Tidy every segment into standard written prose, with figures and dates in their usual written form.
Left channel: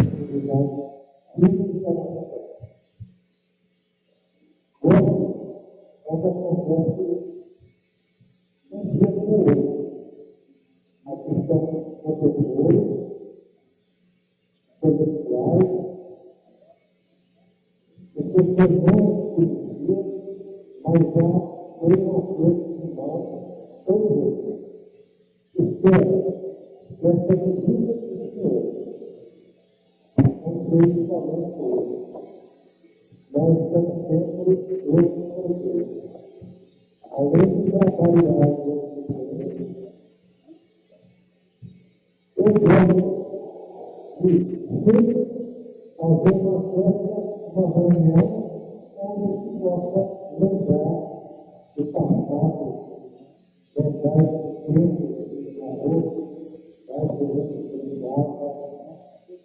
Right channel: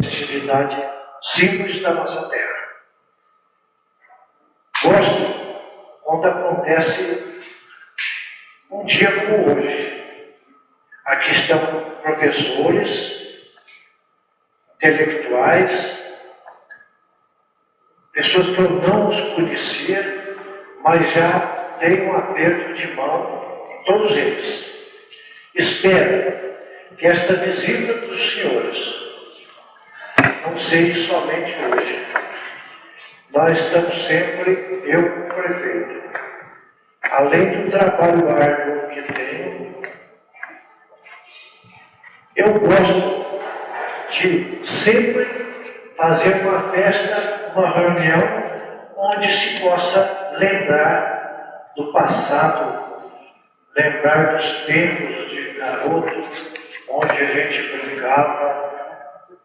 festividade simples da nossa terra. Gosto quando acontece um dia como hoje. Aqui estão professores, intelectuais, pessoas que eu não os conhecia, mas já tenho um aperto de mão em todos eles. Espero que esta visita dos senhores não seja somente hoje. Nós estamos sempre, eu como prefeito, além do trabalho árduo que tenho, eu gosto de sempre fazer uma festa, uma reunião, onde se possa lembrar do passado, lembrar dos tempos de garoto, onde a gente brincava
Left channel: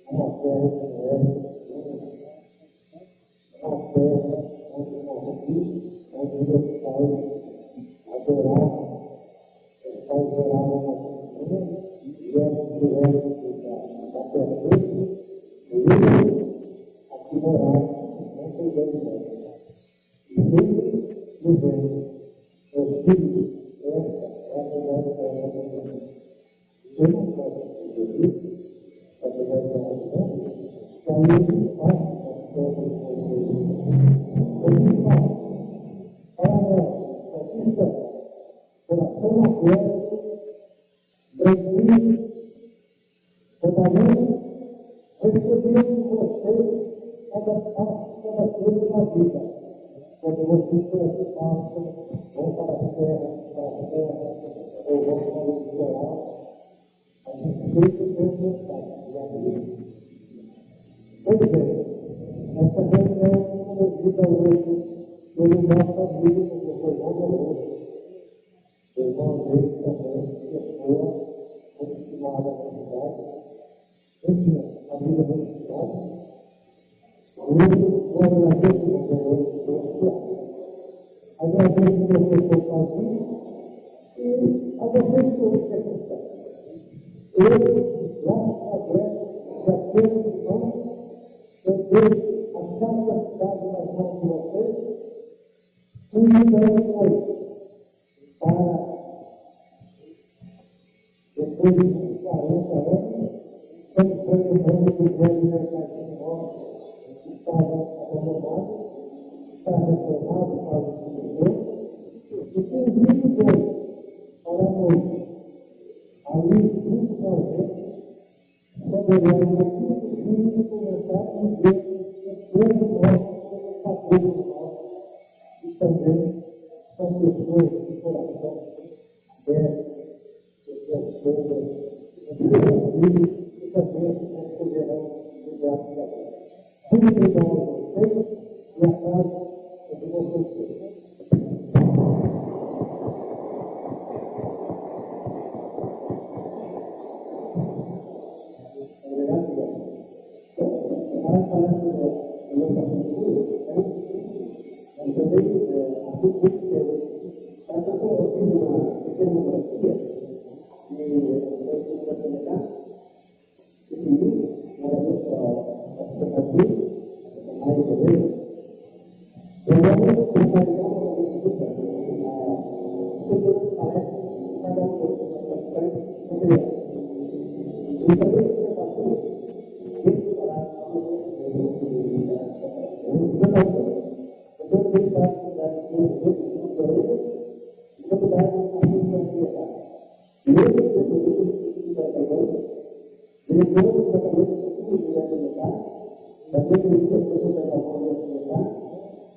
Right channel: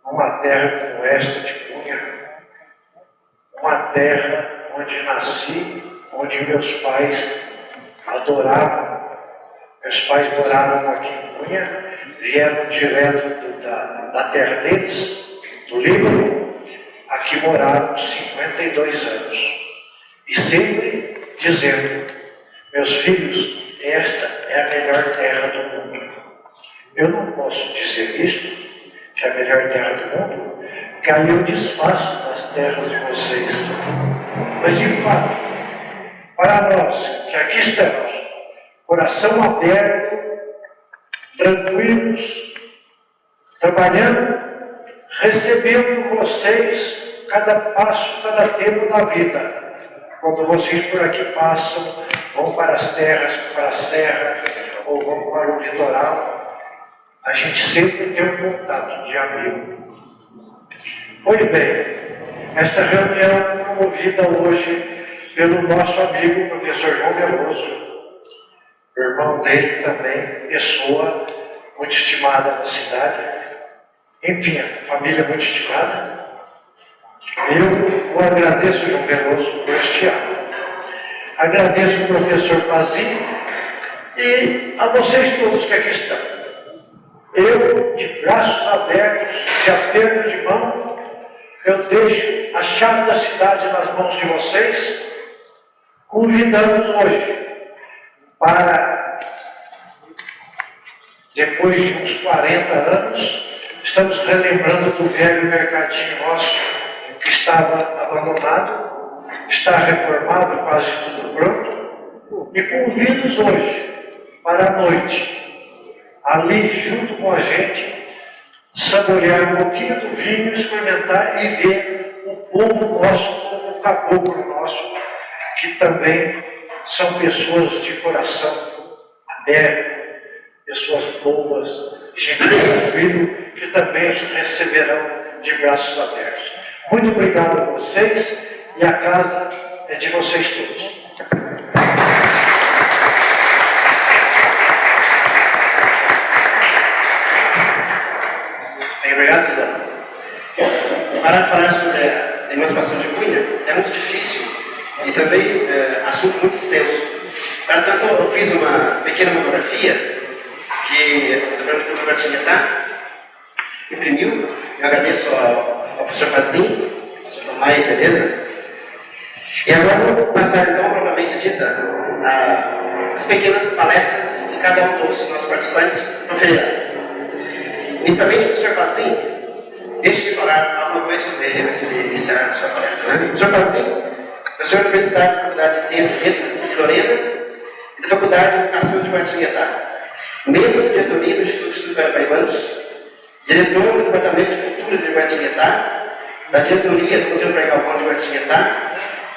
numa terra como esta de Cunha, uma terra onde nasci, onde meus pais adoravam. Meus pais moravam aqui em Cunha, vieram direto da terra deles, do Líbano. Aqui moraram 52 anos. E sempre dizendo, meus filhos, esta é a melhor terra do mundo. Eu não posso dizer isto, que é a melhor terra do mundo, porque aí eu desfaço das terras de vocês. Mas de fato, para nós que aqui estamos, coração aberto, tranquilos, trabalhando, recebendo vocês cada passo, cada tempo da vida. Quando vocês por aqui passam, vão para as terras, para a serra, ou vão para o litoral, a gente sempre tem um contato de amigo. Pois bem, esta reunião promovida hoje pelo nosso amigo professor João Veloso, o irmão dele também, pessoa muito estimada na cidade, enfim, família muito estimada. Eu o agradeço, João Veloso, por este ano. Agradeço ao professor Pazinho e a vocês todos que aqui estão. Eu, de braços abertos, de aperto de mão, eu deixo a chave da cidade nas mãos de vocês, convidando-os hoje para, depois de uns 40 anos, estamos relembrando do velho mercadinho nosso, que estava abandonado, está reformado, quase tudo pronto, e convido-os hoje para a noite, ali junto com a gente, saborear um pouquinho do vinho, experimentar e ver o povo nosso, o caboclo nosso, que também são pessoas de coração aberto, pessoas boas, gente tranquila, que também os receberão de braços abertos. Muito obrigado a vocês e a casa é de vocês todos. Obrigado, Suzana. Para falar sobre a emancipação de Cunha é muito difícil e também assunto muito extenso. Portanto, eu fiz uma pequena monografia que o Dr. Martinetá imprimiu. Eu agradeço ao professor Pazinho, ao professor Tomai, beleza? E agora vou passar então propriamente dita as pequenas palestras que cada um dos nossos participantes proferirá. Inicialmente, o professor Pazinho, deixe de falar alguma coisa sobre ele antes de iniciar a sua palestra. Né? O professor Pazinho, professor da Universidade da Faculdade de Ciências e Letras de Lorena e da Faculdade de Educação de Guaratinguetá, membro da diretoria do Instituto de Estudos Paraibanos, diretor do Departamento de Cultura de Guaratinguetá, da diretoria do Museu Praia Galvão de Guaratinguetá,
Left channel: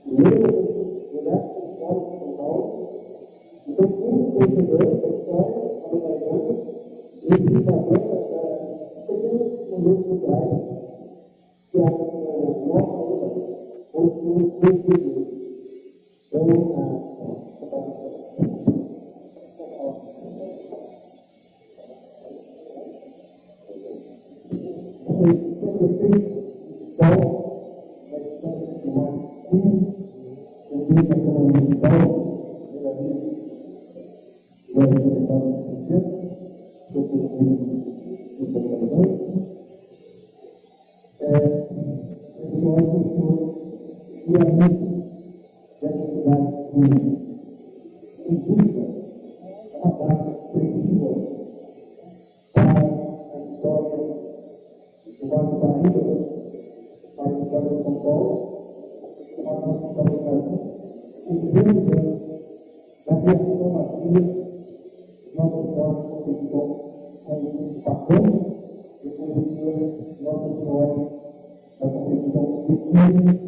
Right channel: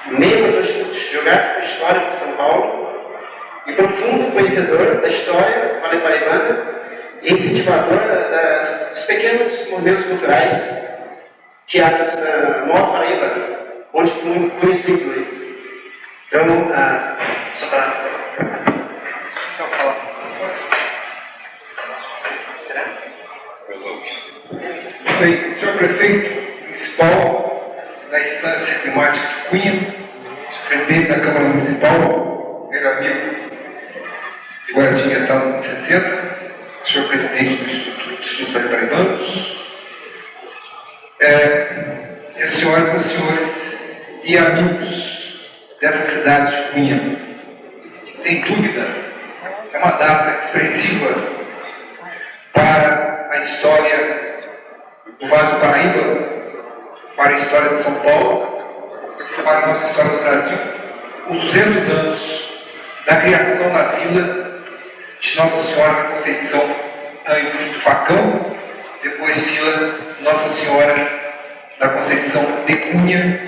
membro do Instituto Geográfico e Histórico de São Paulo e profundo conhecedor da história vale-paraibana e incentivador dos pequenos movimentos culturais que há no Alto Paraíba, onde Cunha se inclui. Então, só para... Bem, senhor prefeito municipal da Instância Climática de Cunha, presidente da Câmara Municipal, meu amigo de Guaratinguetá dos anos 60, senhor presidente do Instituto de Estudos Paraibanos, senhoras e senhores e amigos dessa cidade de Cunha, sem dúvida, é uma data expressiva para a história do Vale do Paraíba, para a história de São Paulo, para a nossa história do Brasil, os 200 anos da criação da vila de Nossa Senhora da Conceição, antes do Facão, depois vila Nossa Senhora da Conceição de Cunha,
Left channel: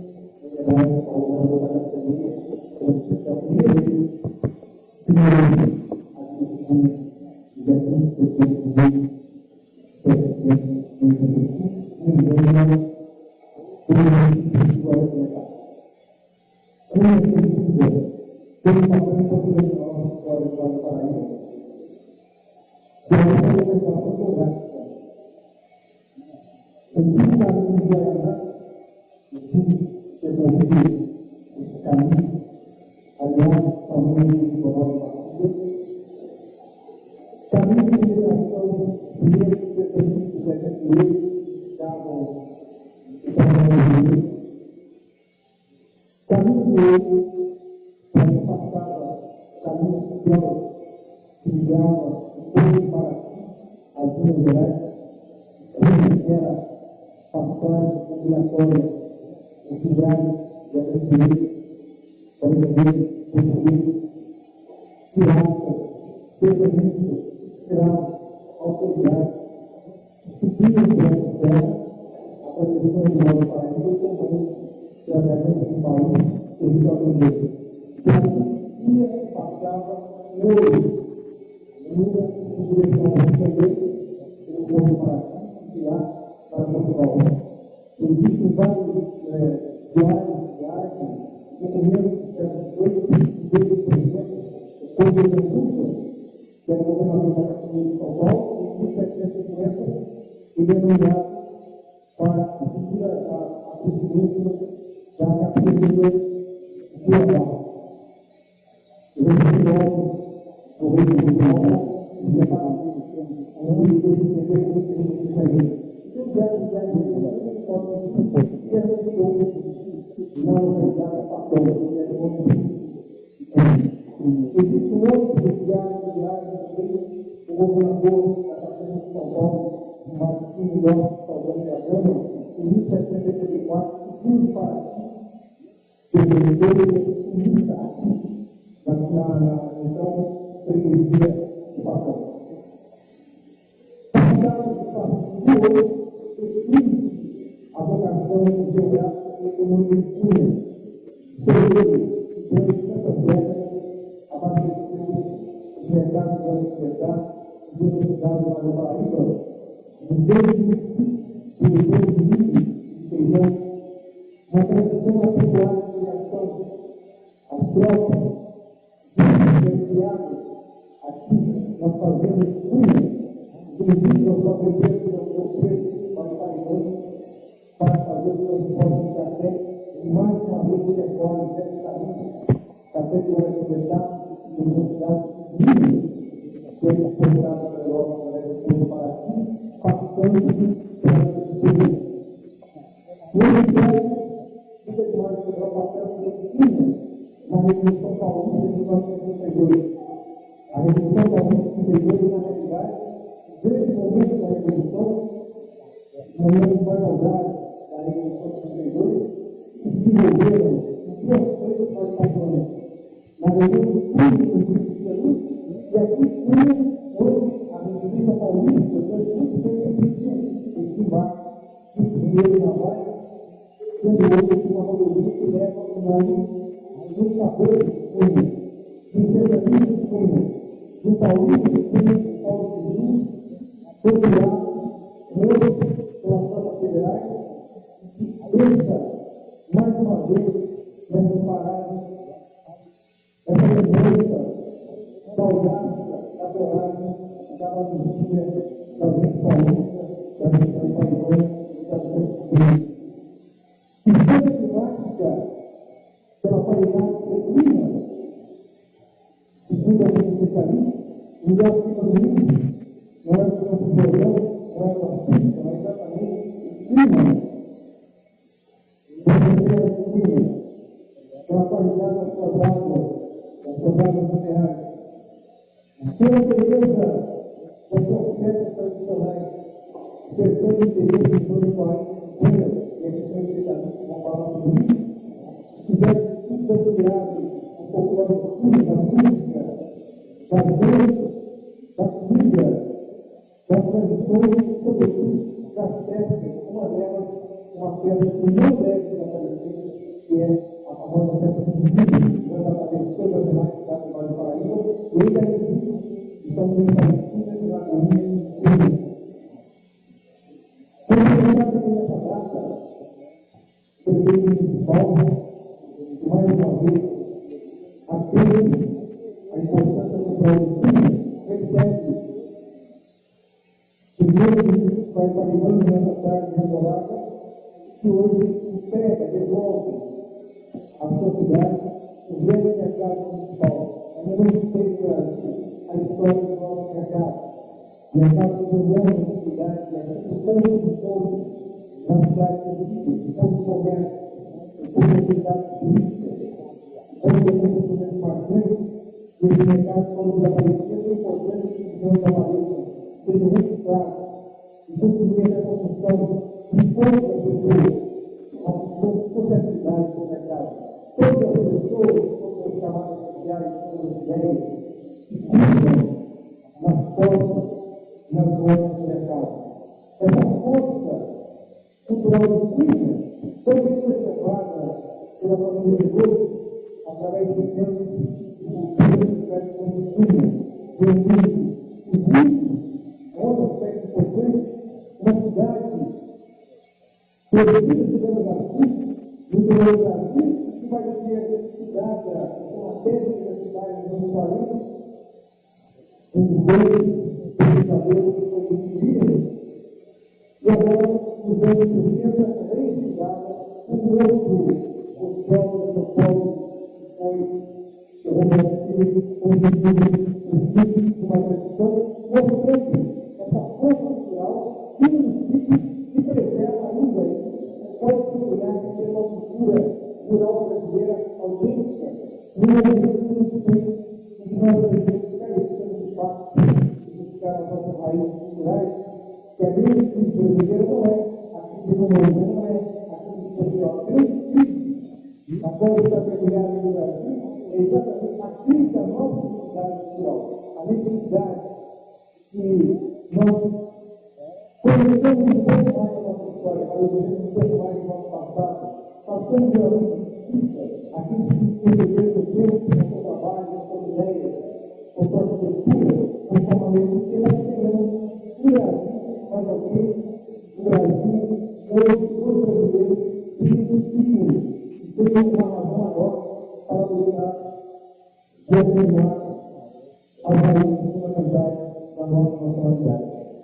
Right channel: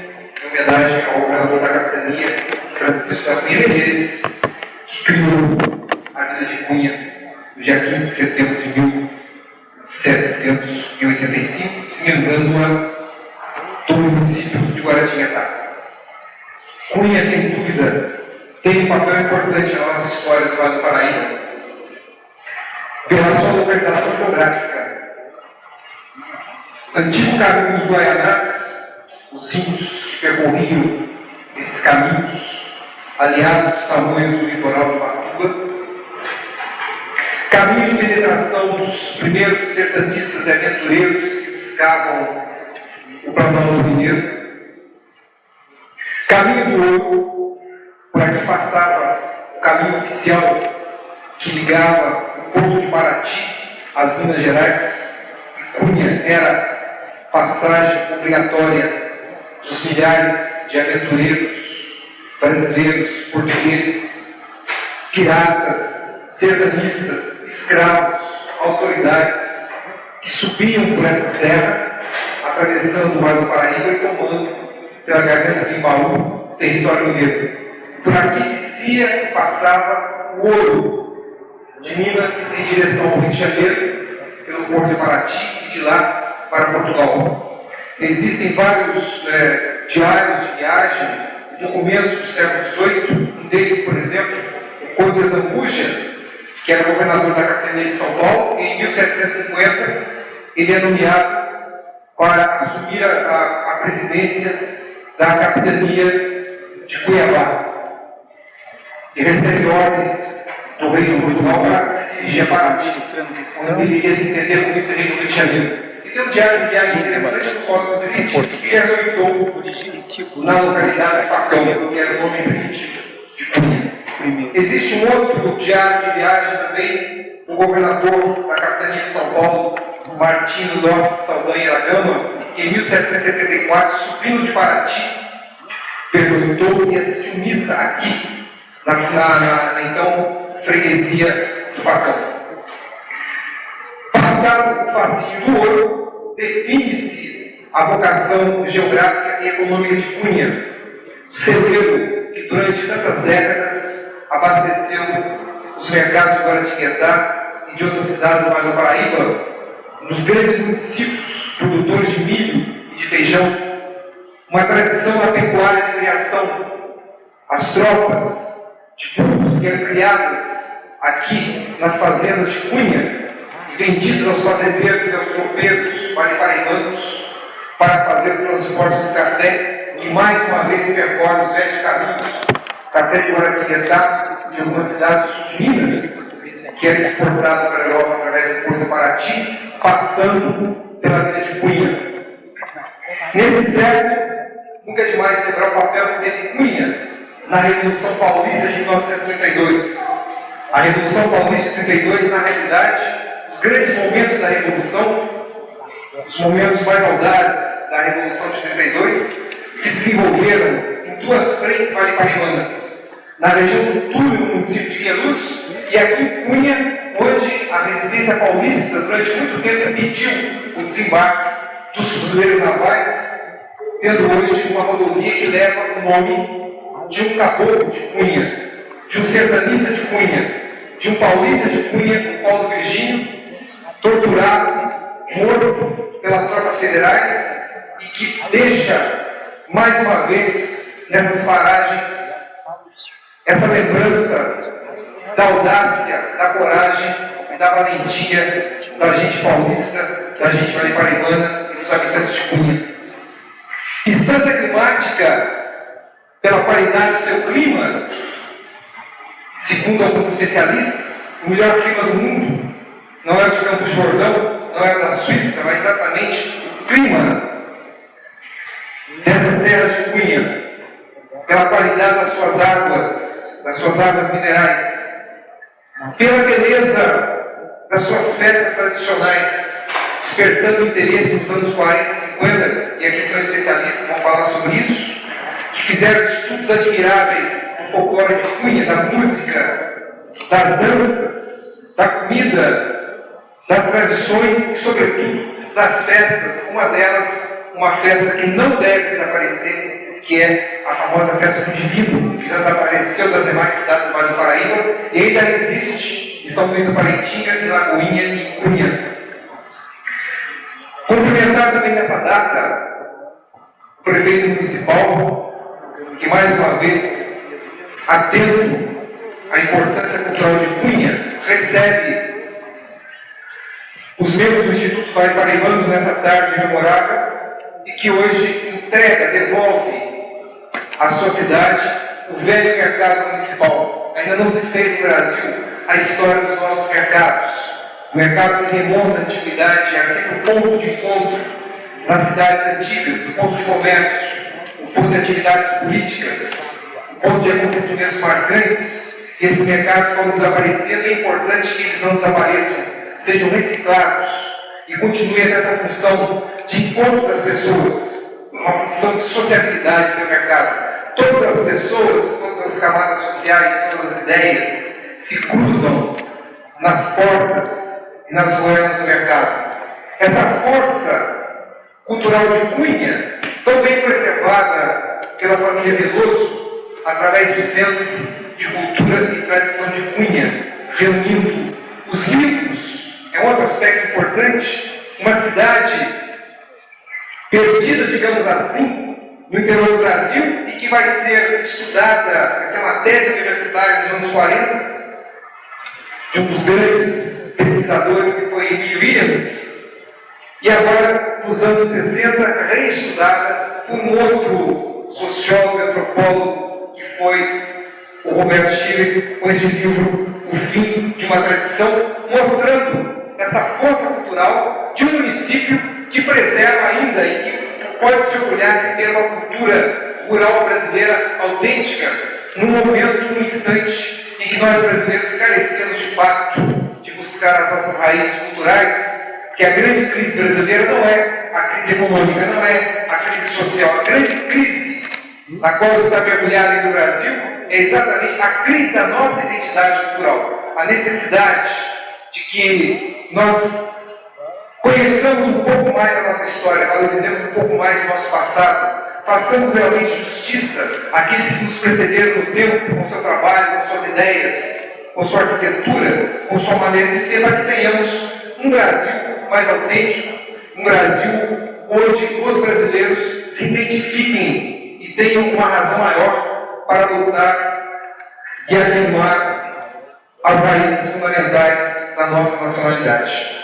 em homenagem ao governador da capitania, Francisco da Cunha Menezes, que criou a vila de Cunha no dia 15 de setembro de 1785, se me engano, do município de Guaratinguetá. Cunha, sem dúvida, tem um papel importante na nossa história do Vale do Paraíba, pela sua localização geográfica. Antigo caminho dos Guaianás, os índios que percorriam esses caminhos, aliados dos tamanhos do litoral do Patuba, caminho de penetração dos primeiros sertanistas e aventureiros que buscavam o Planalto Mineiro, caminho do ouro, por aqui passava o caminho oficial que ligava o Porto de Paraty às Minas Gerais. Cunha era passagem obrigatória dos milhares de aventureiros brasileiros, portugueses, piratas, sertanistas, escravos, autoridades que subiam por essa terra, atravessando o Vale do Paraíba e tomando pela garganta de Imbaú, território mineiro. Por aqui descia e passava o ouro de Minas em direção ao Rio de Janeiro, pelo Porto de Paraty, e de lá para Portugal. Existem vários diários de viagem, documentos do século XVIII, um deles, por exemplo, o Conde de Zambuja, que era governador da capitania de São Paulo, e em 1750 ele é nomeado para assumir a presidência da capitania de Cuiabá. E recebe ordens do rei de Portugal para se dirigir a Paraty, onde ele iria se entender como vice-rei do Rio de Janeiro. E tem um diário de viagem interessante no qual ele diz que habitou na localidade de Facão, que era o nome primitivo de Cunha. Existe um outro diário de viagem também do governador da capitania de São Paulo, Martinho Lopes Saldanha da Gama, que em 1774, subindo de Paraty, perguntou e assistiu missa aqui, na então freguesia do Facão. Passado o fascínio do ouro, define-se a vocação geográfica e econômica de Cunha, celeiro que durante tantas décadas abasteceu os mercados de Guaratinguetá e de outras cidades do Vale do Paraíba, nos grandes municípios produtores de milho e de feijão, uma tradição na pecuária de criação. As tropas de burros que eram criadas aqui nas fazendas de Cunha e vendidas aos fazendeiros e aos tropeiros vale-paraibanos para fazer o transporte do café, que mais uma vez percorre os velhos caminhos, café de Guaratinguetá e de algumas cidades de Minas, que era exportado para a Europa através do Porto de Paraty, passando pela vila de Cunha. Nesse século, nunca é demais lembrar o papel que teve Cunha na Revolução Paulista de 1932. A Revolução Paulista de 32, na realidade, os grandes momentos da Revolução, os momentos mais audazes da Revolução de 32, se desenvolveram em duas frentes vale-paraibanas, na região do Túlio, no município de Queluz, e aqui em Cunha, onde a residência paulista, durante muito tempo, impediu o desembarque dos fuzileiros navais, tendo hoje uma rodovia que leva o nome de um caboclo de Cunha, de um sertanista de Cunha, de um paulista de Cunha, o Paulo Virgínio, torturado, morto pelas tropas federais, e que deixa, mais uma vez, nessas paragens, essa lembrança da audácia, da coragem e da valentia da gente paulista, da gente vale-paraibana e dos habitantes de Cunha. Instância climática, pela qualidade do seu clima, segundo alguns especialistas, o melhor clima do mundo não é o de Campos do Jordão, não é o da Suíça, mas exatamente o clima pela qualidade das suas águas minerais, pela beleza das suas festas tradicionais, despertando o interesse nos anos 40 e 50, e aqui são especialistas que vão falar sobre isso, que fizeram estudos admiráveis do folclore de Cunha, da música, das danças, da comida, das tradições e, sobretudo, das festas. Uma delas, uma festa que não deve desaparecer, que é a famosa festa do Divino, que já desapareceu das demais cidades do Vale do Paraíba e ainda existe em São Luís do Paraitinga, em Lagoinha e em Cunha. Cumprimentar também nessa data o prefeito municipal, que mais uma vez, atento à importância cultural de Cunha, recebe os membros do Instituto Vale Paraibanos nessa tarde memorável e que hoje entrega, devolve à sua cidade o velho mercado municipal. Ainda não se fez no Brasil a história dos nossos mercados. O mercado que remonta à antiguidade, é sempre o ponto de encontro nas cidades antigas, o ponto de comércio, o ponto de atividades políticas, o ponto de acontecimentos marcantes. E esses mercados foram desaparecendo, e é importante que eles não desapareçam, sejam reciclados e continuem nessa função de encontro das pessoas, uma função de sociabilidade do mercado. Todas as pessoas, todas as camadas sociais, todas as ideias se cruzam nas portas e nas ruelas do mercado. Essa força cultural de Cunha, tão bem preservada pela família Veloso, através do Centro de Cultura e Tradição de Cunha, reunindo os livros, é um outro aspecto importante. Uma cidade perdida, digamos assim, no interior do Brasil, e que vai ser estudada, vai ser uma tese universitária nos anos 40, de um dos grandes pesquisadores, que foi Emílio Williams, e agora, nos anos 60, reestudada por um outro sociólogo, antropólogo, que foi o Roberto Schiller, com esse livro, O Fim de uma Tradição, mostrando essa força cultural de um município que preserva ainda e que pode se orgulhar de ter uma cultura rural brasileira autêntica, num momento, num instante em que nós brasileiros carecemos de fato de buscar as nossas raízes culturais, que a grande crise brasileira não é a crise econômica, não é a crise social. A grande crise na qual está mergulhado no Brasil é exatamente a crise da nossa identidade cultural, a necessidade de que nós conheçamos um pouco mais da nossa história, valorizemos um pouco mais do nosso passado, façamos realmente justiça àqueles que nos precederam no tempo, com seu trabalho, com suas ideias, com sua arquitetura, com sua maneira de ser, para que tenhamos um Brasil mais autêntico, um Brasil onde os brasileiros se identifiquem e tenham uma razão maior para lutar e afirmar as raízes fundamentais da nossa nacionalidade.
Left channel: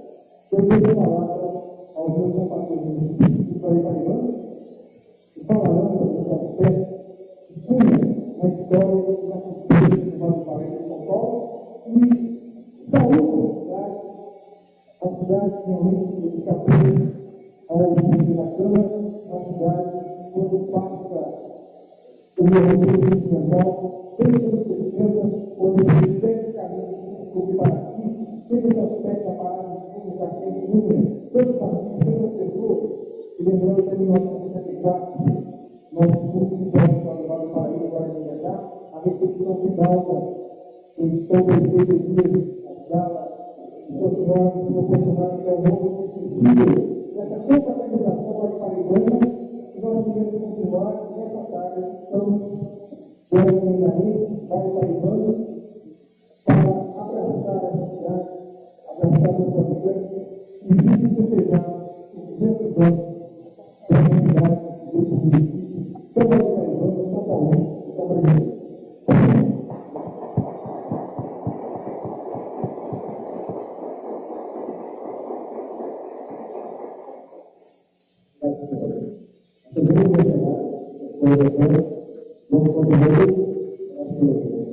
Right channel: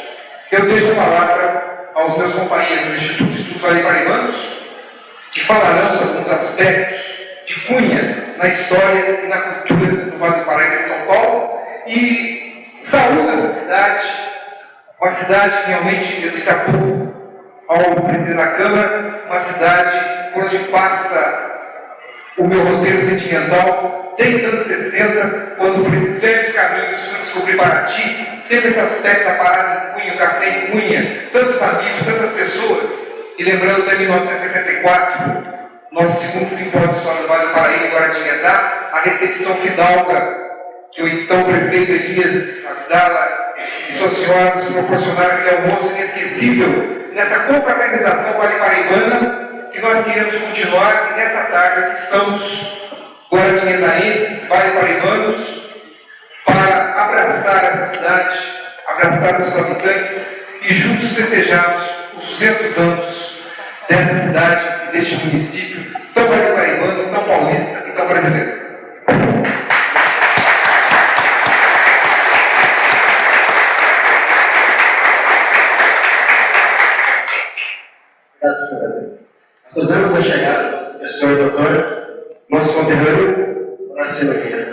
Eu deixo a palavra aos meus companheiros do Instituto de Estudos Vale Paraibanos, que falarão sobre alguns aspectos de Cunha na história e na cultura do Vale do Paraíba de São Paulo, e saúdo essa cidade, uma cidade que realmente, eu disse há pouco ao presidente da Câmara, uma cidade por onde passa o meu roteiro sentimental desde os anos 60, quando por esses velhos caminhos fui descobrir Paraty, sempre esse aspecto da parada em Cunha, o café em Cunha, tantos amigos, tantas pessoas, e lembrando até 1974, nosso segundo simpósio de História do Vale do Paraíba, em Guaratinguetá, a recepção fidalga que o então prefeito Elias Abdala e sua senhora nos proporcionaram aquele almoço inesquecível, nessa confraternização vale-paraibana, que nós queremos continuar, e nessa tarde aqui estamos, guaratinguetaenses, vale-paraibanos, para abraçar essa cidade, abraçar seus habitantes e juntos festejarmos os 200 anos dessa cidade e deste município tão vale-paraibano, tão paulista e tão brasileiro. Acusamos a chegada do professor e doutor, nosso conterrâneo, Horácio Nogueira.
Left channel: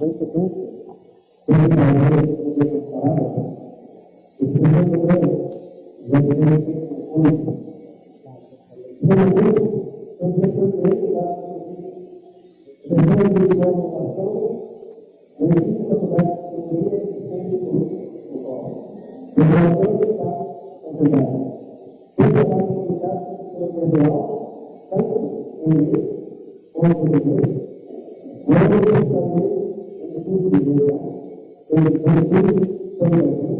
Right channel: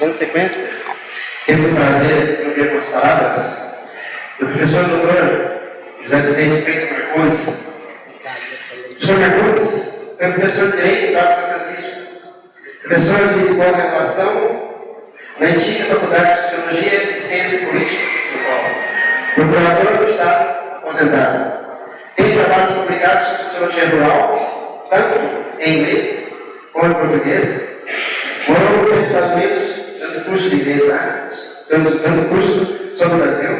Dando sequência, temos o prazer de ouvir as palavras do professor e doutor José Vicente Freitas Marcondes. O professor Marcondes Foi professor de Direito da São Francisco, professor de pós-graduação na antiga Faculdade de Sociologia e Ciência Política de São Paulo, procurador do Estado aposentado. Tem trabalhos publicados sobre sociologia rural, tanto em inglês como em português. Morou nos Estados Unidos, dando curso de inglês lá, dando curso sobre o Brasil.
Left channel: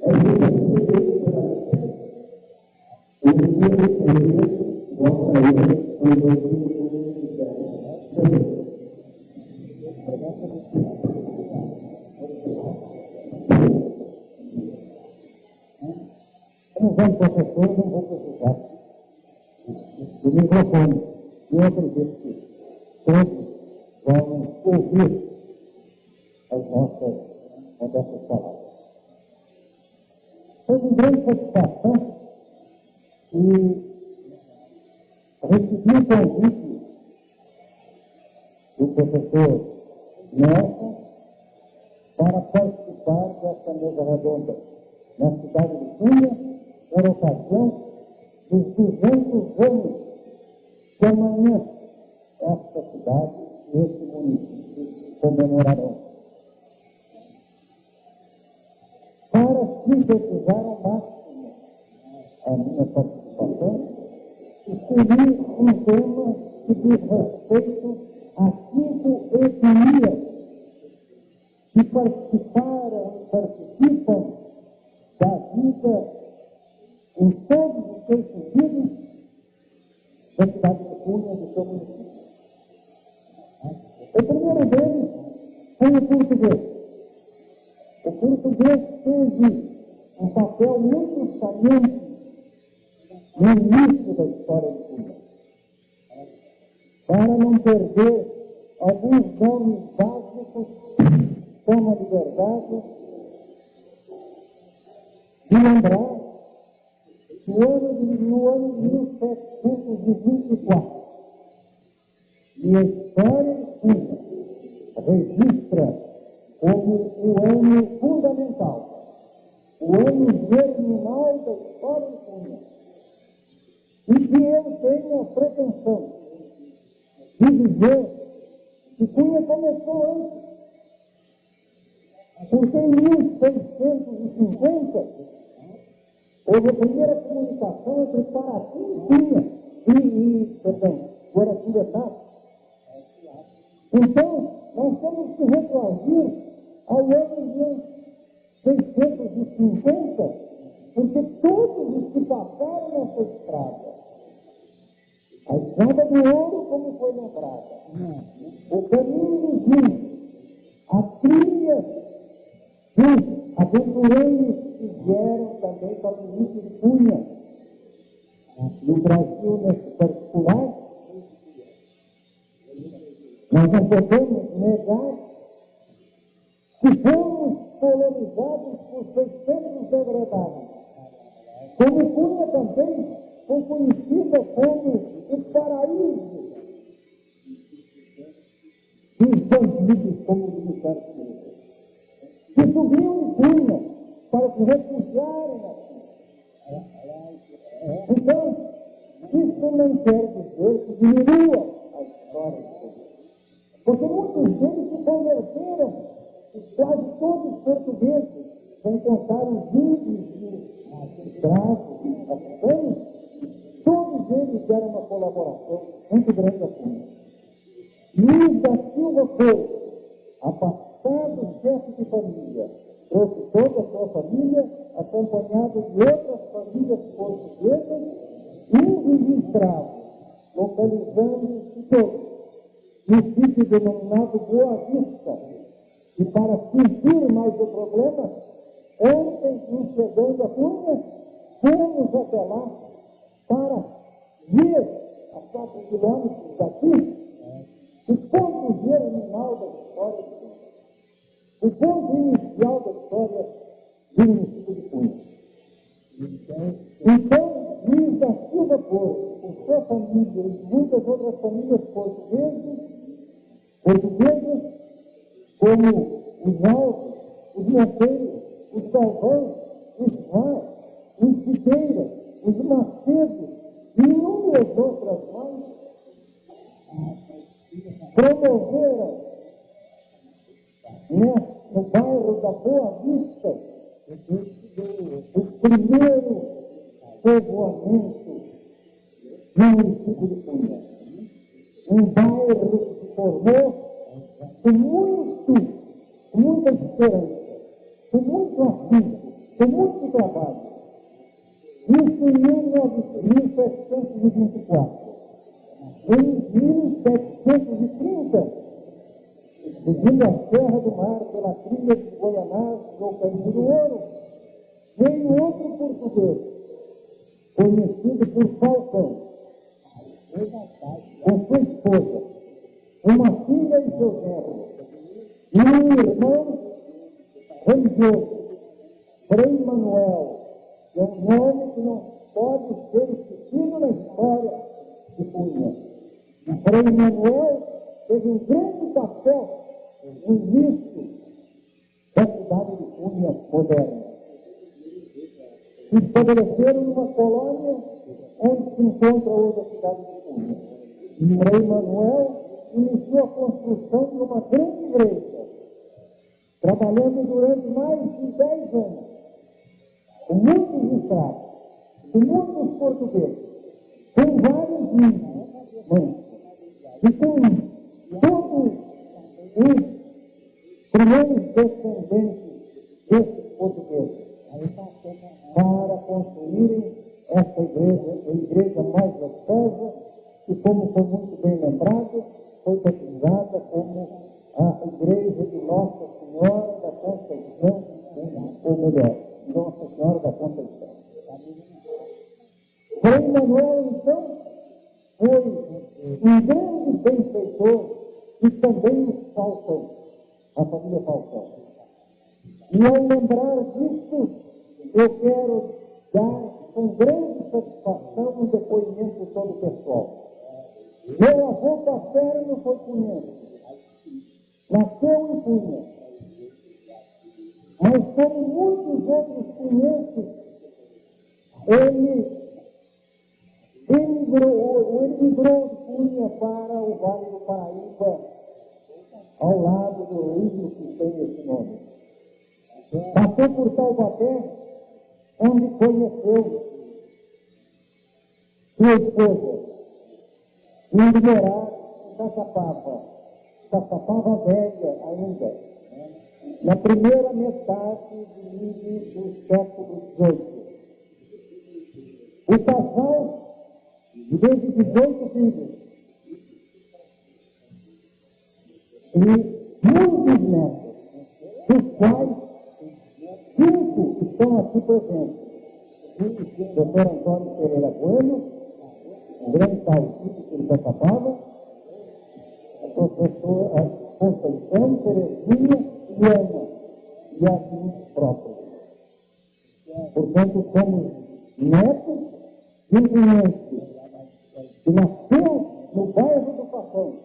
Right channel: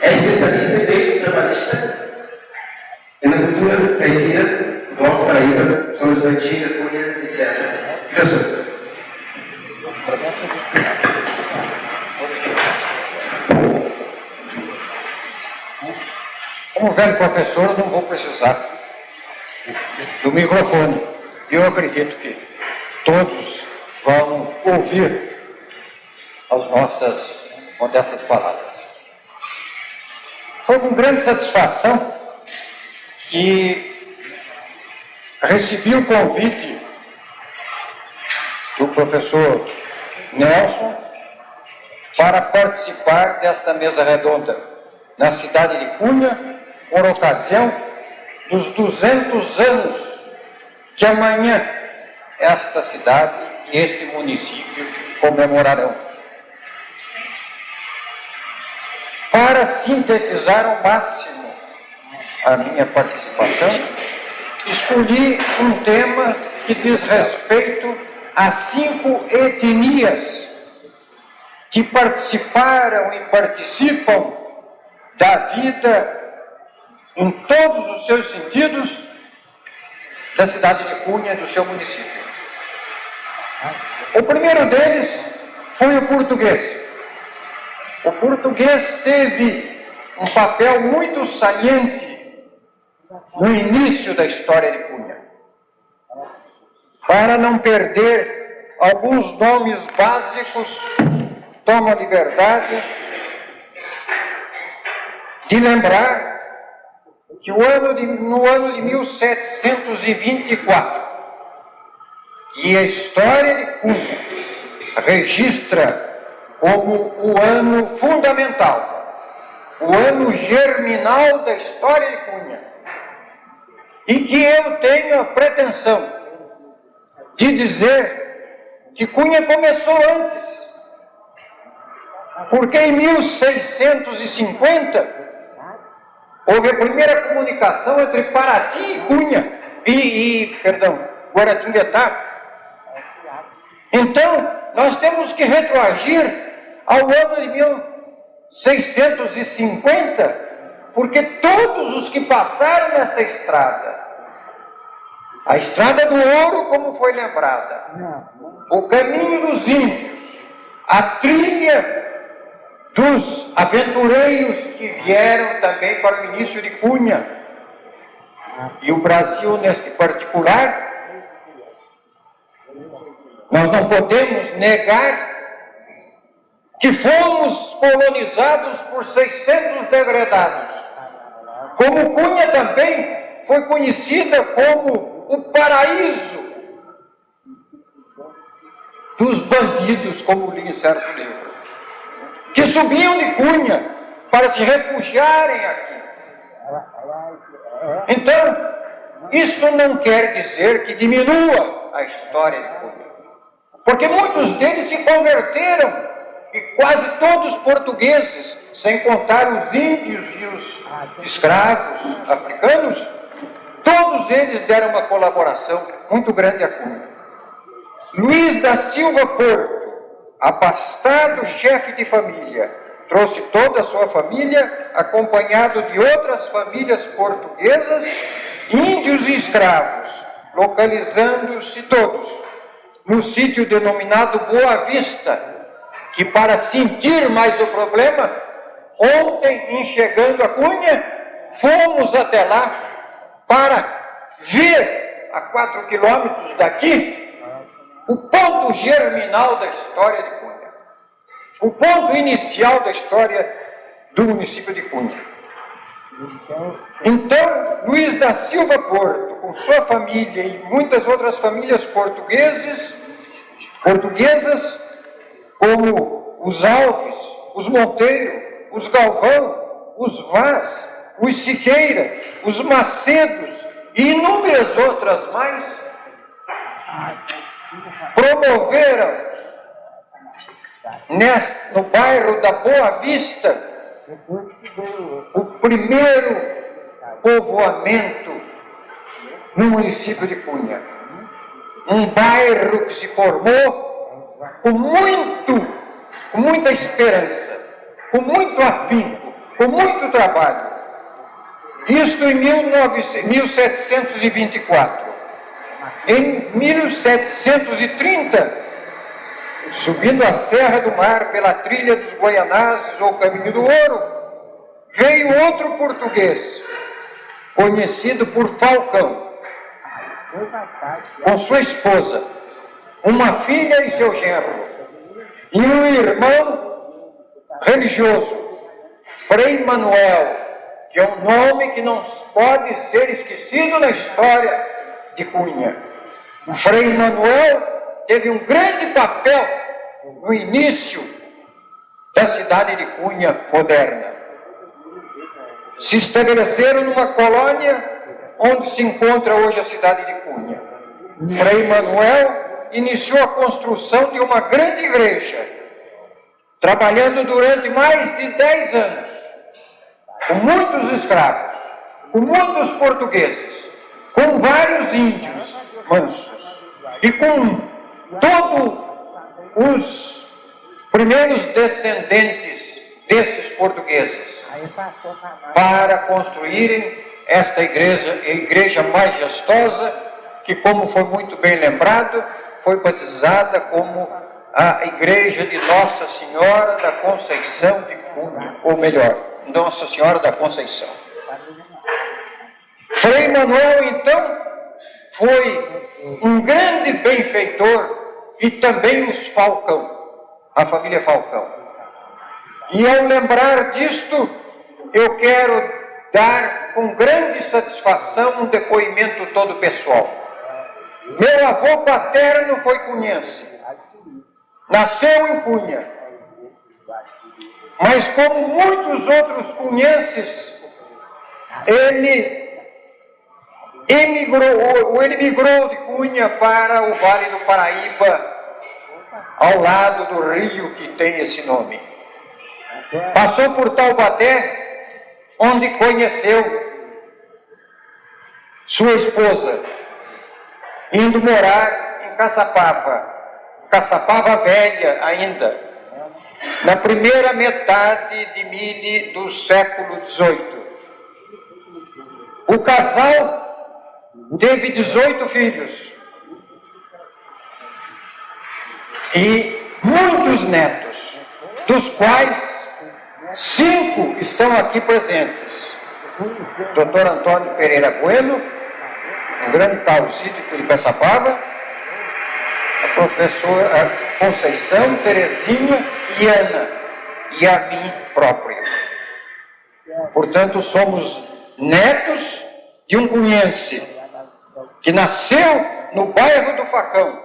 É especialista em direito trabalhista e na cultura caipira do Alto Paraíba, São João da Antiga, Cunha, etc. Professor. Como velho professor, eu não vou precisar do microfone. Eu acredito que todos vão ouvir as nossas modestas palavras. Foi com grande satisfação que recebi o convite do professor Nelson para participar desta mesa redonda na cidade de Cunha, por ocasião dos 200 anos que amanhã esta cidade e este município comemorarão. Para sintetizar ao máximo a minha participação, escolhi um tema que diz respeito a 5 etnias que participaram e participam da vida em todos os seus sentidos da cidade de Cunha e do seu município. O primeiro deles foi o português. O português teve um papel muito saliente no início da história de Cunha. Para não perder alguns nomes básicos, tomo a liberdade de lembrar que no ano de 1724, e a história de Cunha registra como o ano fundamental, o ano germinal da história de Cunha, e que eu tenho a pretensão de dizer que Cunha começou antes, porque em 1650 houve a primeira comunicação entre Paraty e Cunha, Guaratinguetá. Então, nós temos que retroagir ao ano de 1650, porque todos os que passaram nesta estrada, a Estrada do Ouro, como foi lembrada, o caminho dos índios, a trilha dos aventureiros que vieram também para o início de Cunha, e o Brasil neste particular, nós não podemos negar que fomos colonizados por 600 degradados. Como Cunha também foi conhecida como o paraíso dos bandidos, como li em certo livro, que subiam de Cunha para se refugiarem aqui. Então, isto não quer dizer que diminua a história de Cunha, porque muitos deles se converteram, e quase todos portugueses, sem contar os índios e os escravos africanos, todos eles deram uma colaboração muito grande a Cunha. Luís da Silva Porto, abastado chefe de família, trouxe toda a sua família, acompanhado de outras famílias portuguesas, índios e escravos, localizando-se todos no sítio denominado Boa Vista, que, para sentir mais o problema, ontem, em chegando a Cunha, fomos até lá para ver, a 4 quilômetros daqui, o ponto germinal da história de Cunha, o ponto inicial da história do município de Cunha. Então, Luís da Silva Porto, com sua família e muitas outras famílias portuguesas, como os Alves, os Monteiro, os Galvão, os Vaz, os Siqueira, os Macedos e inúmeras outras mais, promoveram no bairro da Boa Vista o primeiro povoamento no município de Cunha. Um bairro que se formou com muita esperança, com muito afinco, com muito trabalho. Isto em 1724. Em 1730, subindo a Serra do Mar pela trilha dos Goianazes ou Caminho do Ouro, veio outro português, conhecido por Falcão, com sua esposa, uma filha e seu genro, e um irmão religioso, Frei Manuel, que é um nome que não pode ser esquecido na história de Cunha. O Frei Manuel teve um grande papel no início da cidade de Cunha moderna. Se estabeleceram numa colônia onde se encontra hoje a cidade de Cunha. Frei Manuel iniciou a construção de uma grande igreja, trabalhando durante mais de 10 anos, com muitos escravos, com muitos portugueses, com vários índios mansos e com todos os primeiros descendentes desses portugueses, para construírem esta igreja majestosa, que, como foi muito bem lembrado, foi batizada como a igreja de Nossa Senhora da Conceição de Cunha, ou melhor, Nossa Senhora da Conceição. Frei Manuel, então, foi um grande benfeitor, e também os Falcão, a família Falcão. E ao lembrar disto, eu quero dar com grande satisfação um depoimento todo pessoal. Meu avô paterno foi cunhense, nasceu em Cunha, mas como muitos outros cunhenses, ele migrou de Cunha para o Vale do Paraíba, ao lado do rio que tem esse nome. Passou por Taubaté, onde conheceu sua esposa, indo morar em Caçapava Velha ainda, na primeira metade do século XVIII. O casal teve 18 filhos e muitos netos, dos quais 5 estão aqui presentes. Dr. Antônio Pereira Bueno, um grande causídico de Caçapava, a professora Conceição, Terezinha e Ana, e a mim próprio. Portanto, somos netos de um cunhense que nasceu no bairro do Facão,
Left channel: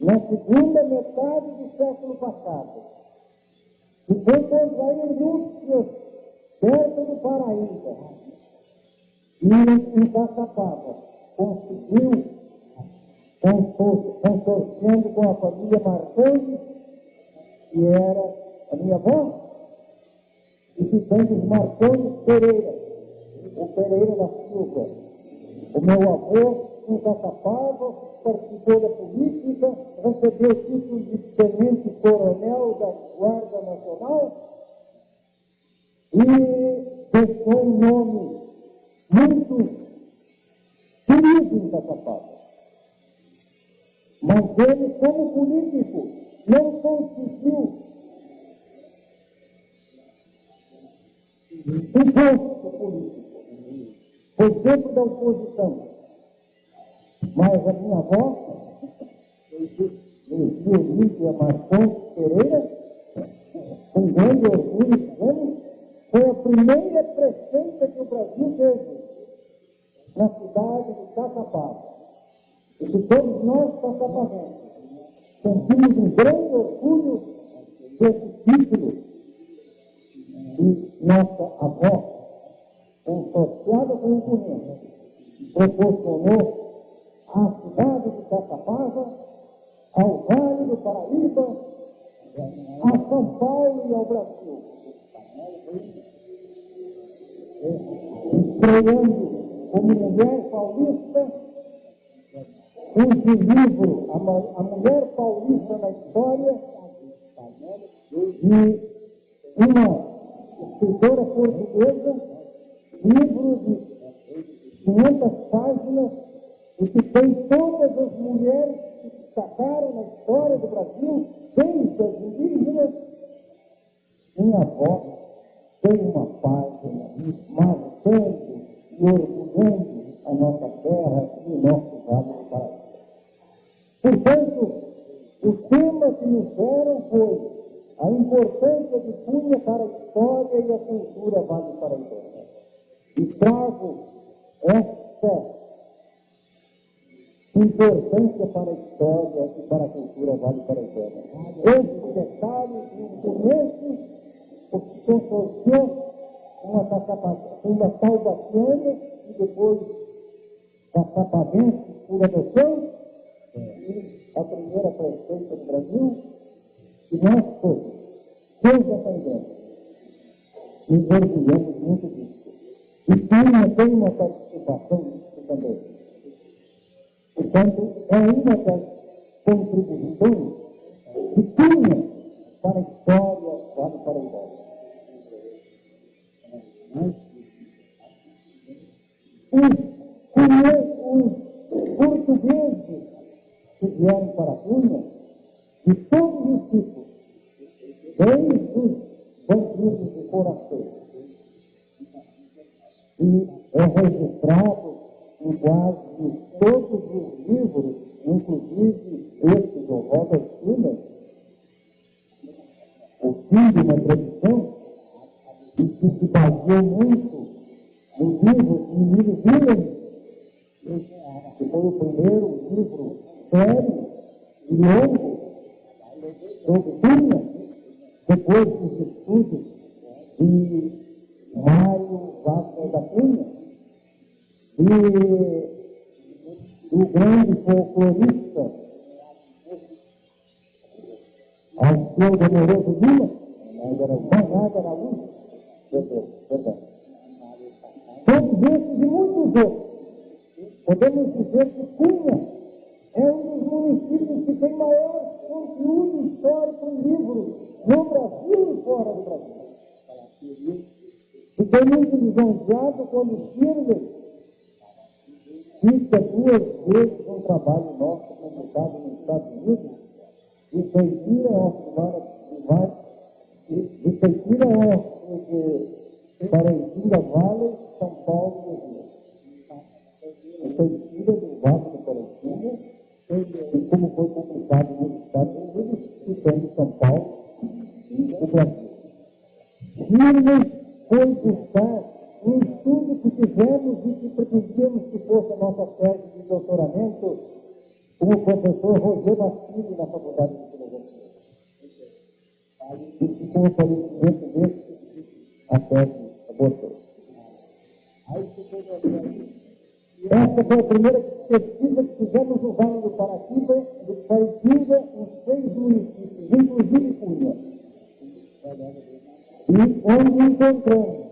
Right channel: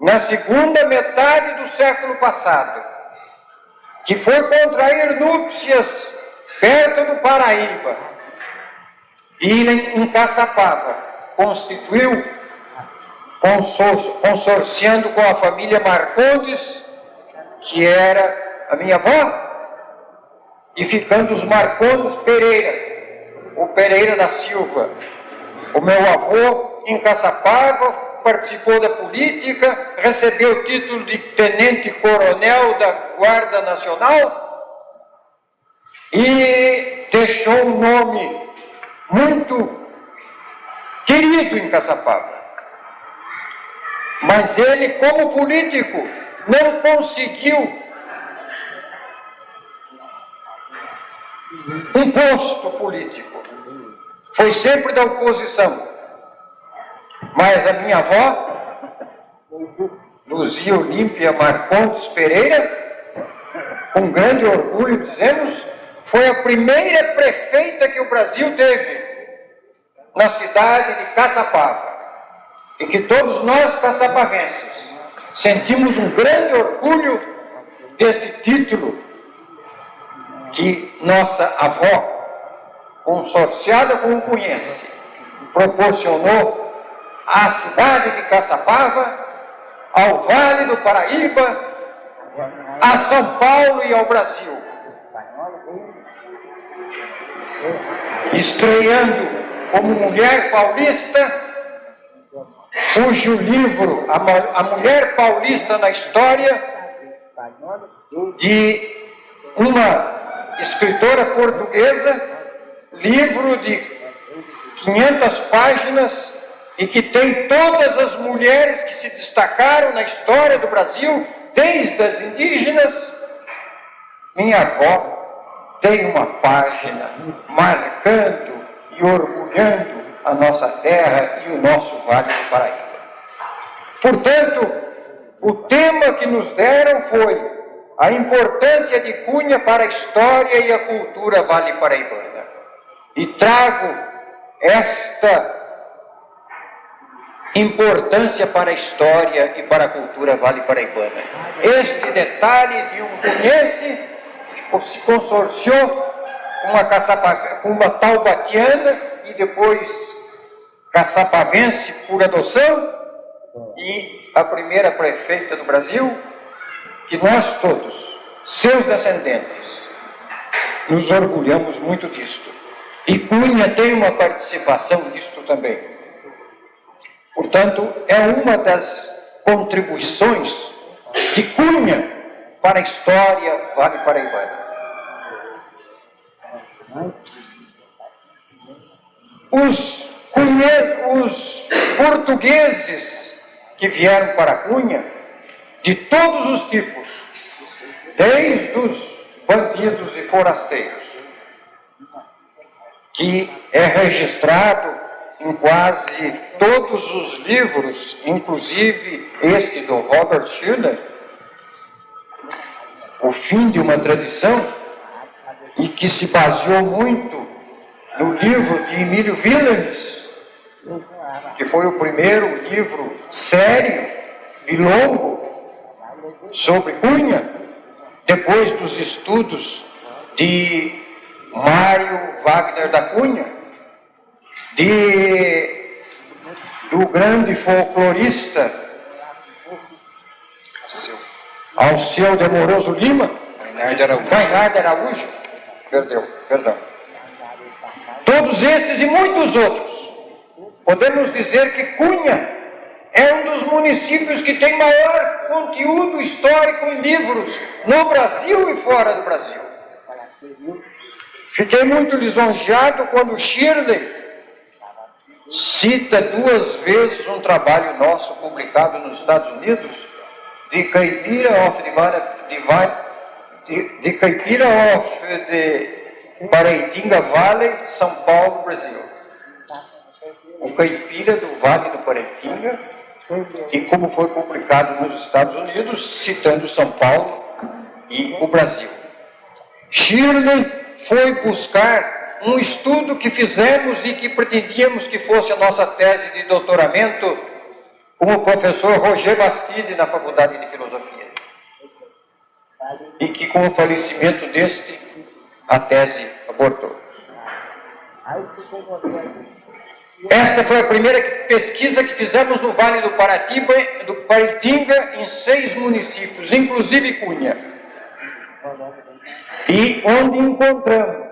na segunda metade do século passado, que foi contrair núpcias perto do Paraíba, e em Caçapava constituiu, consorciando com a família Marcondes, que era a minha avó, e ficando os Marcondes Pereira, o Pereira da Silva. O meu avô, em Caçapava, participou da política, recebeu o título de tenente-coronel da Guarda Nacional e deixou um nome muito querido em Caçapava. Mas ele, como político, não conseguiu um posto político. Foi sempre da oposição. Mas a minha avó, Luzia Olímpia Marcondes Pereira, com grande orgulho dizemos, foi a primeira prefeita que o Brasil teve na cidade de Caçapava. E que todos nós, caçapavenses, sentimos um grande orgulho deste título que nossa avó, consorciada com o cunhense, proporcionou à cidade de Caçapava, ao Vale do Paraíba, a São Paulo e ao Brasil. Estreando como mulher paulista, cujo livro, A Mulher Paulista na História, de uma escritora portuguesa, livro de 500 páginas e que tem todas as mulheres que se destacaram na história do Brasil, desde as indígenas. Minha avó tem uma página marcando e orgulhando a nossa terra e o nosso Vale do Paraíba. Portanto, o tema que nos deram foi a importância de Cunha para a história e a cultura vale-paraibana. E trago esta importância para a história e para a cultura vale-paraibana. Este detalhe de um cunhense que se consorciou com uma taubatiana e depois caçapavense por adoção, e a primeira prefeita do Brasil, que nós todos, seus descendentes, nos orgulhamos muito disto. E Cunha tem uma participação nisto também. Portanto, é uma das contribuições de Cunha para a história vale-paraibana. Os portugueses que vieram para Cunha, de todos os tipos, desde os bandidos e forasteiros, que é registrado em quase todos os livros, inclusive este do Robert Schiller, O Fim de uma Tradição, e que se baseou muito no livro de Emílio Willems, que foi o primeiro livro sério e longo sobre Cunha, depois dos estudos de Mário Wagner da Cunha, do grande folclorista Alceu de Amoroso Lima, Maynard Araújo, perdão. Todos estes e muitos outros, podemos dizer que Cunha é um dos municípios que tem maior conteúdo histórico em livros no Brasil e fora do Brasil. Fiquei muito lisonjeado quando Shirley cita 2 vezes um trabalho nosso publicado nos Estados Unidos, de Caipira de Paraitinga Valley, São Paulo, Brasil. O Caipira do Vale do Paraitinga, e como foi publicado nos Estados Unidos, citando São Paulo e o Brasil. Shirley foi buscar um estudo que fizemos e que pretendíamos que fosse a nossa tese de doutoramento com o professor Roger Bastide na Faculdade de Filosofia. E que com o falecimento deste, a tese abortou. Esta foi a primeira pesquisa que fizemos no Vale do Paraitinga, em 6 municípios, inclusive Cunha. E onde encontramos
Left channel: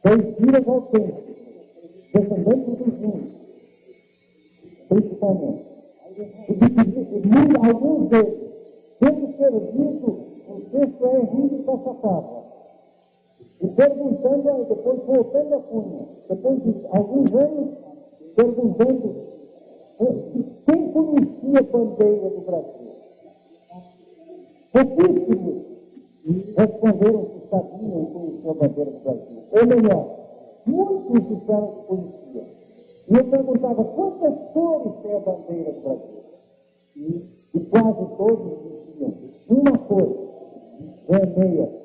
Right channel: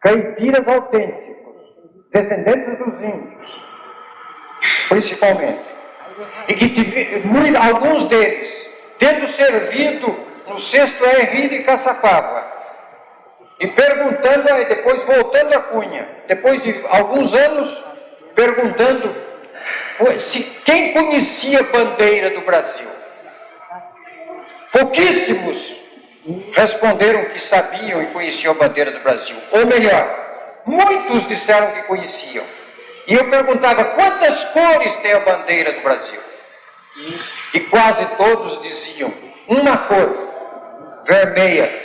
caipiras autênticos, descendentes dos índios, principalmente, e que alguns deles, tendo servido no 6º RI de Caçapava, e perguntando, aí depois voltando a Cunha, depois de alguns anos, perguntando se quem conhecia a bandeira do Brasil. Pouquíssimos responderam que sabiam e conheciam a bandeira do Brasil. Ou melhor, muitos disseram que conheciam. E eu perguntava, quantas cores tem a bandeira do Brasil? E quase todos diziam, uma cor, vermelha.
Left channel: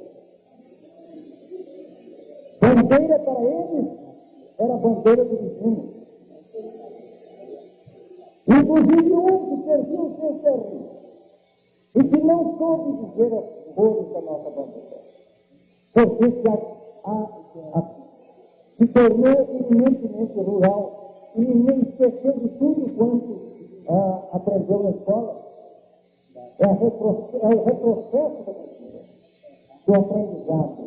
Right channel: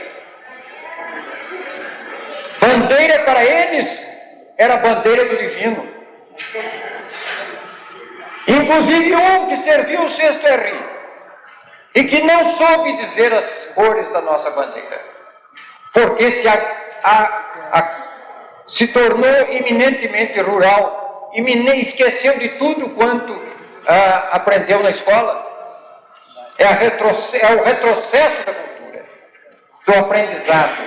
Bandeira para eles era a bandeira do divino. Inclusive um que serviu o 6º RI e que não soube dizer as cores da nossa bandeira, porque se tornou eminentemente rural e me esqueceu de tudo quanto aprendeu na escola. É o retrocesso da cultura, do aprendizado,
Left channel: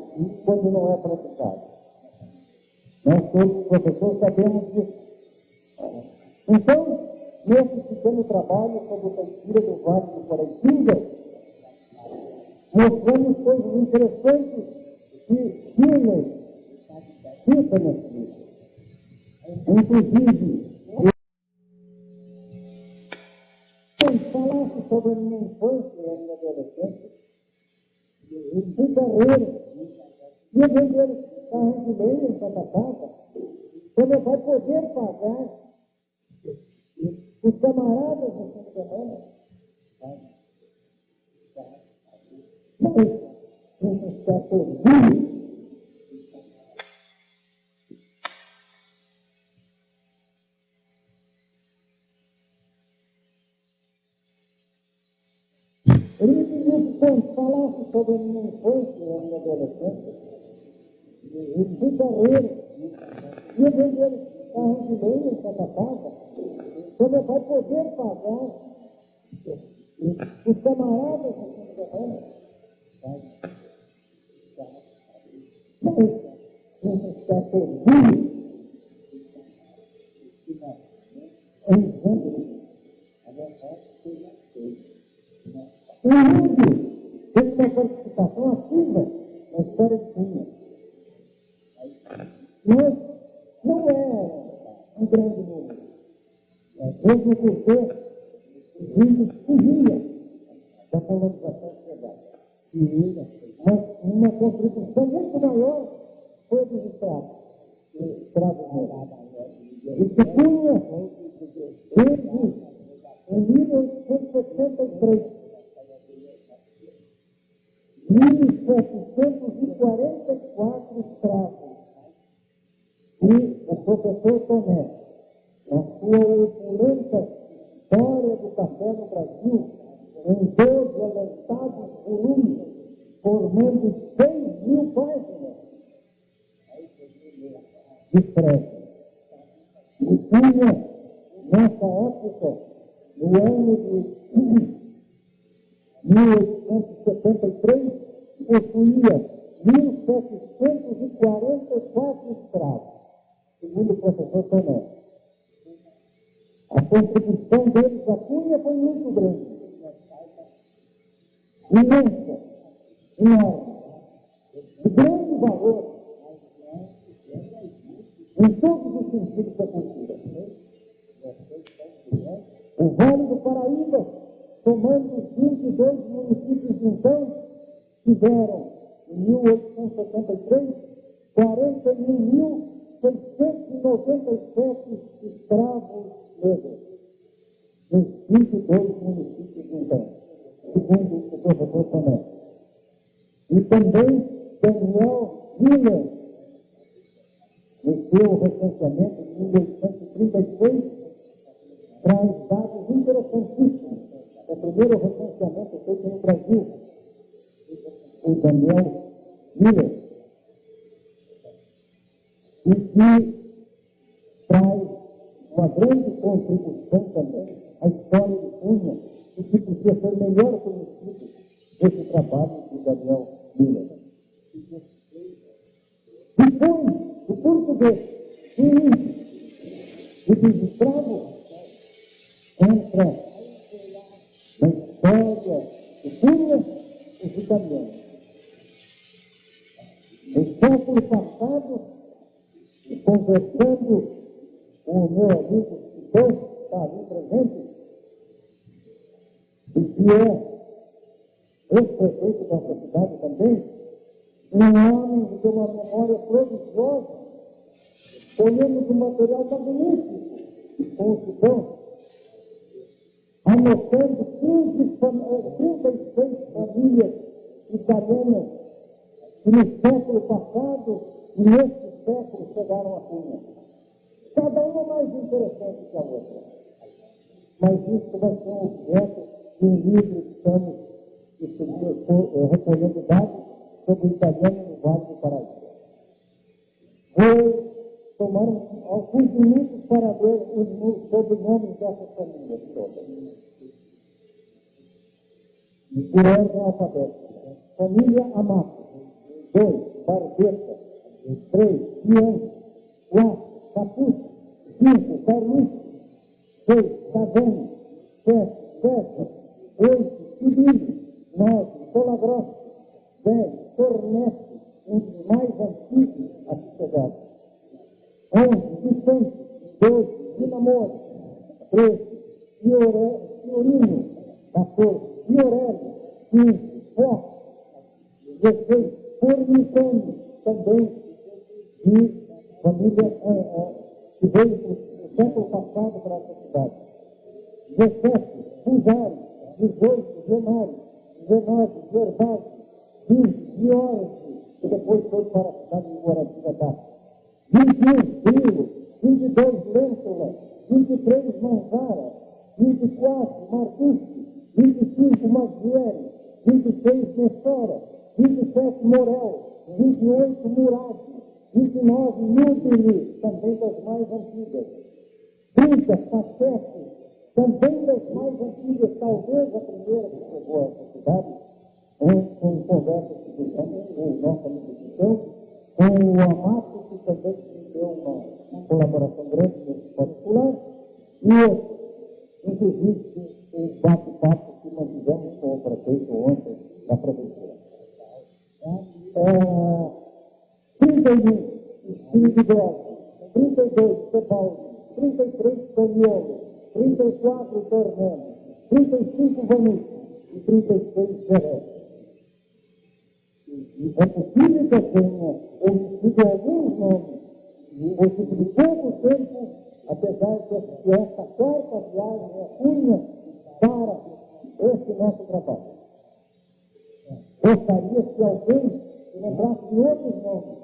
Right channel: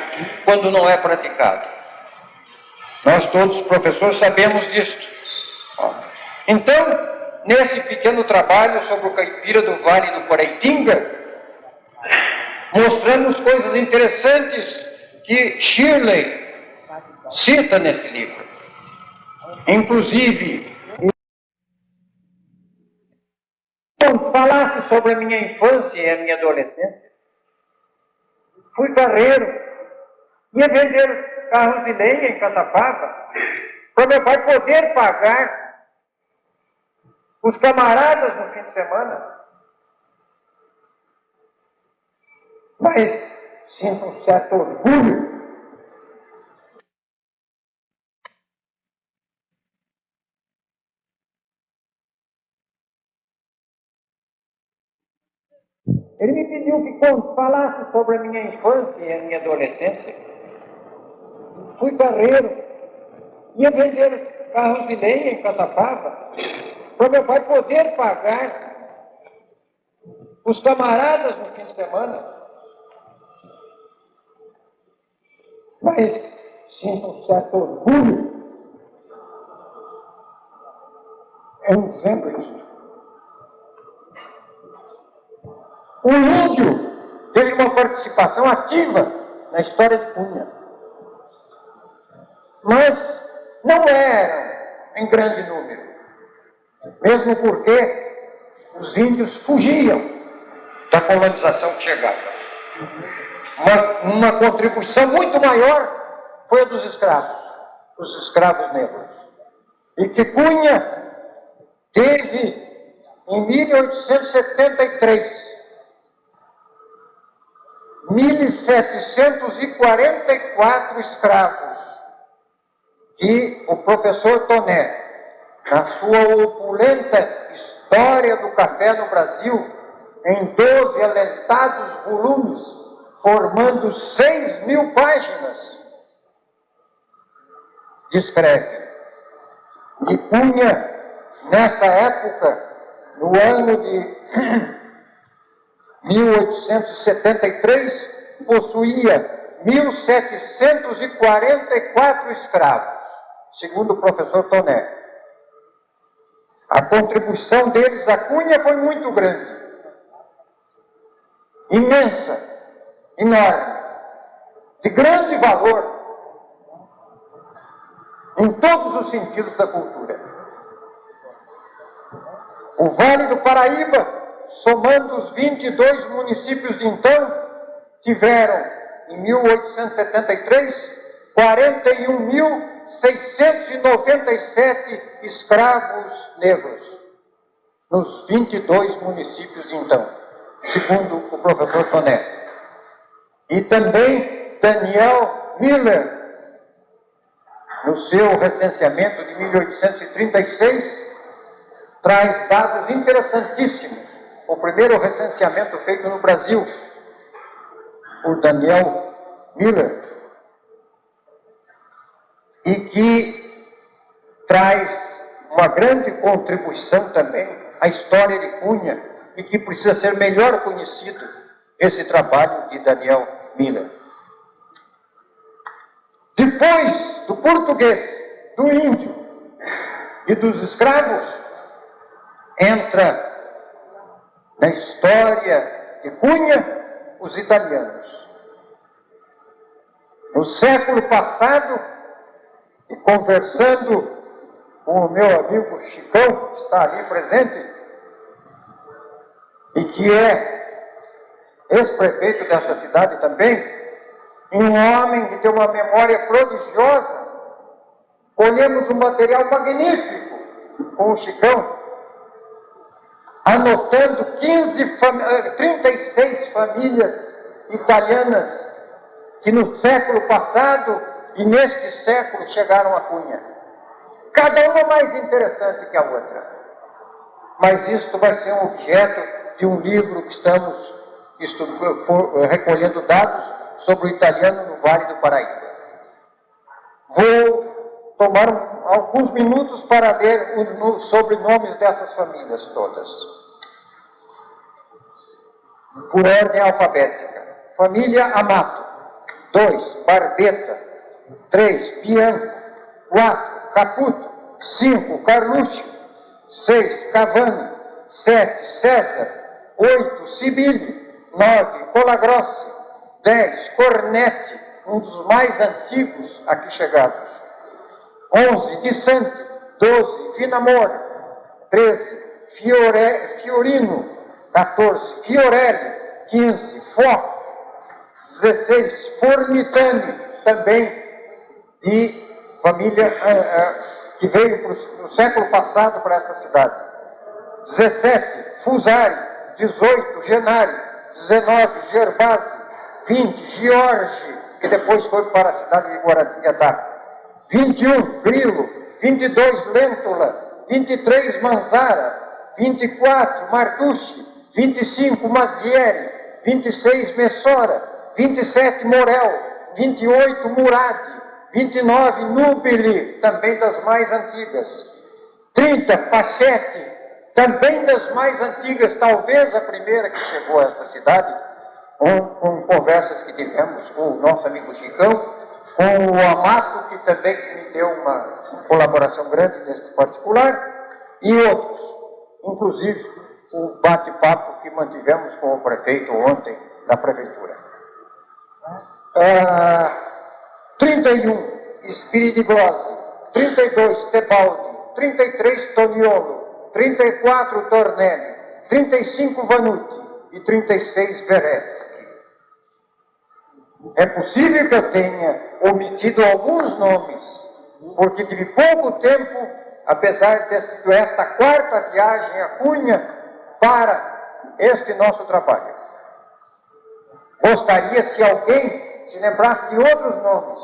quando não é praticado. Nós todos, professores, sabemos disso. Então, nesse pequeno trabalho sobre o caipira do Vale do Paraitinga, mostramos coisas interessantes que Shirley cita nesse livro. Inclusive, falasse sobre a minha infância e a minha adolescência. Fui carreiro, ia vender carros de lenha em Caçapava, para meu pai poder pagar os camaradas no fim de semana. Mas sinto um certo orgulho Ele me pediu que falasse sobre a minha infância e a minha adolescência. Fui carreiro, ia vender carros de lenha em Caçapava, para meu pai poder pagar os camaradas no fim de semana. Mas sinto um certo orgulho. É um exemplo isso. O índio teve uma participação ativa na história de Cunha, mas não eram em grande número, mesmo porque os índios fugiam da colonização que chegava. Uma contribuição muito maior foi a dos escravos negros, e que Cunha teve em 1873 1.744 escravos, que o professor Toné, na sua opulenta História do Café no Brasil, em 12 alentados volumes, formando 6.000 páginas, descreve. E Cunha, nessa época, no ano de 1873, possuía 1.744 escravos, segundo o professor Toné. A contribuição deles à Cunha foi muito grande, imensa, enorme, de grande valor, em todos os sentidos da cultura. O Vale do Paraíba, somando os 22 municípios de então, tiveram, em 1873, 41.697 escravos negros, nos 22 municípios de então, segundo o professor Toné. E também Daniel Miller, no seu recenseamento de 1836, traz dados interessantíssimos. O primeiro recenseamento feito no Brasil por Daniel Miller, e que traz uma grande contribuição também à história de Cunha, e que precisa ser melhor conhecido, esse trabalho de Daniel Miller. Depois do português, do índio e dos escravos, entra na história de Cunha os italianos. No século passado, conversando com o meu amigo Chicão, que está ali presente, e que é ex-prefeito desta cidade também, e um homem que tem uma memória prodigiosa, colhemos um material magnífico com o Chicão, anotando 36 famílias italianas que no século passado e neste século chegaram a Cunha. Cada uma mais interessante que a outra. Mas isto vai ser um objeto de um livro que estamos recolhendo dados sobre o italiano no Vale do Paraíba. Vou tomar alguns minutos para ler os sobrenomes dessas famílias todas. Por ordem alfabética. Família Amato. 2, Barbeta. 3, Bianco. 4, Caputo. 5, Carlucci. 6, Cavani. 7, César. 8, Sibili. 9, Colagrossi. 10, Cornetti, um dos mais antigos aqui chegados. 11, Di Santi. 12, Vinamora. 13, Fiorino. 14, Fiorelli. 15, Fó. 16, Fornitani, também de família que veio no século passado para esta cidade. 17, Fusari. 18, Genari. 19, Gerbasi. 20, Giorgi, que depois foi para a cidade de Guaratinguetá. 21, Grilo. 22, Lentula. 23, Manzara. 24, Marducci. 25, Mazieri. 26, Messora. 27, Morel. 28, Murad. 29, Nubili, também das mais antigas. 30, Pachetti, também das mais antigas, talvez a primeira que chegou a esta cidade, com conversas que tivemos com o nosso amigo Chicão, com o Amato, que também me deu uma colaboração grande neste particular, e outros, inclusive o bate-papo que mantivemos com o prefeito ontem da prefeitura. 31, Spiridiglose. 32, Tebaldi. 33, Toniolo. 34, Tornelli. 35, Vanucci. E 36, Vereschi. É possível que eu tenha omitido alguns nomes, porque tive pouco tempo, apesar de ter sido esta quarta viagem a Cunha, para este nosso trabalho. Gostaria, se alguém se lembrasse de outros nomes.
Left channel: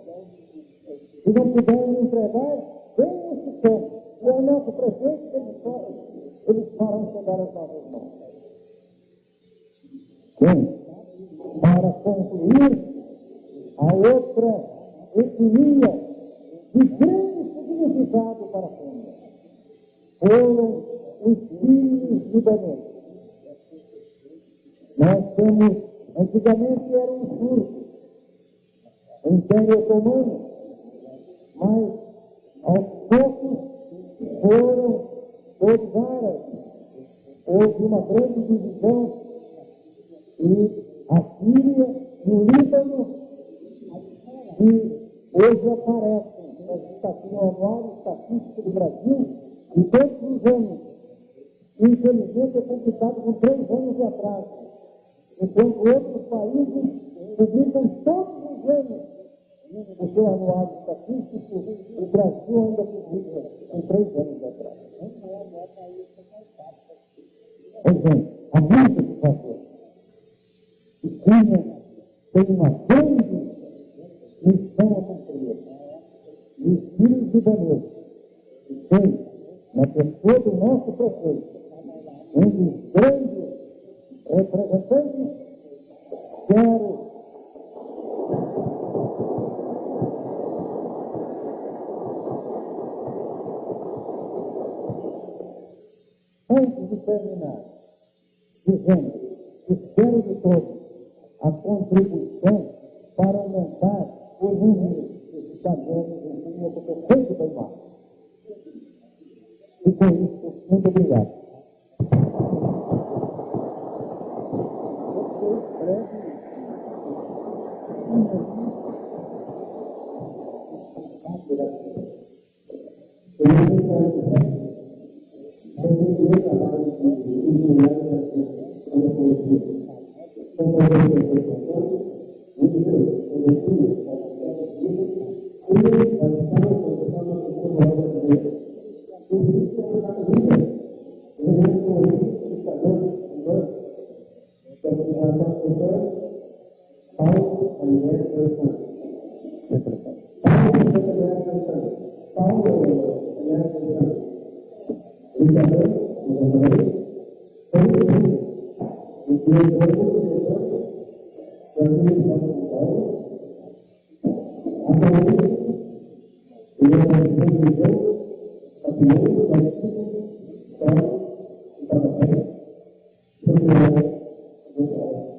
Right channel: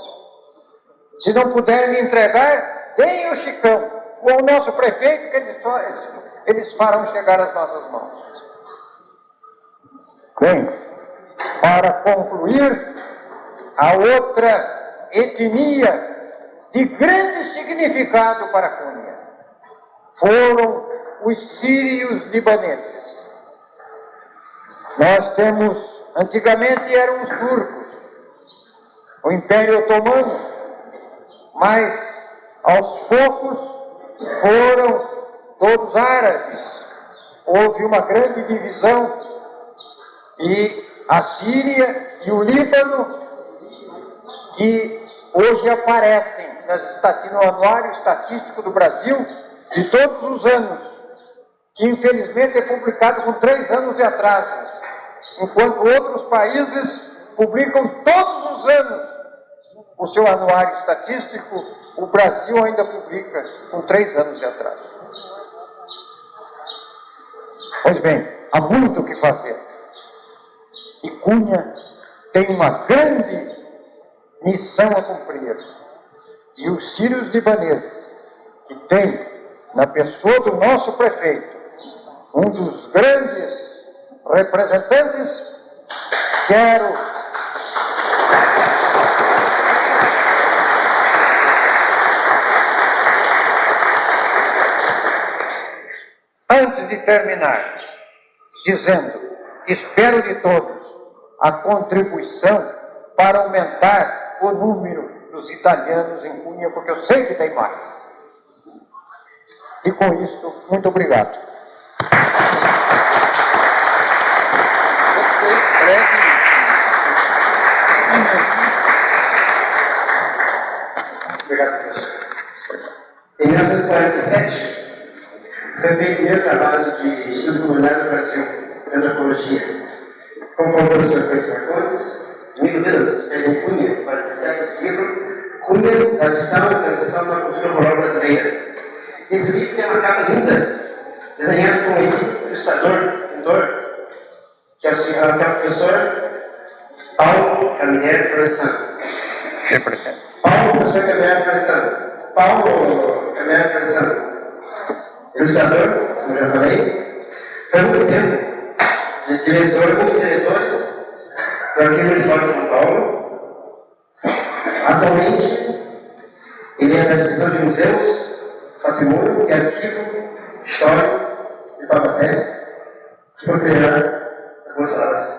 Se não puderem me entregar, deem o Chicão, ou ao nosso prefeito, que eles farão chegar às nossas mãos. Bem, para concluir, a outra etnia de grande significado para Cunha foram os sírios libaneses. Nós temos, antigamente eram os turcos, o Império Otomano, mas aos poucos foram todos árabes. Houve uma grande divisão e a Síria e o Líbano, que hoje aparecem no Anuário Estatístico do Brasil de todos os anos, que infelizmente é publicado com 3 anos de atraso, enquanto outros países publicam todos os anos o seu anuário estatístico, o Brasil ainda publica com 3 anos de atraso. Pois bem, há muito o que fazer. E Cunha tem uma grande missão a cumprir. E os sírios libaneses, que tem na pessoa do nosso prefeito, um dos grandes representantes, quero antes de terminar, dizendo, espero de todos a contribuição para aumentar o número dos italianos em Cunha, porque eu sei que tem mais. E com isso, muito obrigado. Obrigado, professor. Em 1947, foi feito o primeiro trabalho de estudo comunitário no Brasil, de antropologia. Como o professor Francisco Marcondes, amigo Deus, fez em Cunha, 47, esse livro, Cunha, Tradição e Transição da Cultura Rural Brasileira. Esse livro tem uma capa linda, desenhada por um ilustrador, pintor, que é o professor Paulo Camilleri Floresano. Professor Camilleri Floresano. Paulo Camilleri Floresano. Ilustrador, como já falei, foi muito tempo de diretor, um dos diretores do Arquivo Municipal de São Paulo. Atualmente, ele é da Divisão de Museus, Patrimônio e Arquivo Histórico de Taubaté, que proferirá algumas palavras.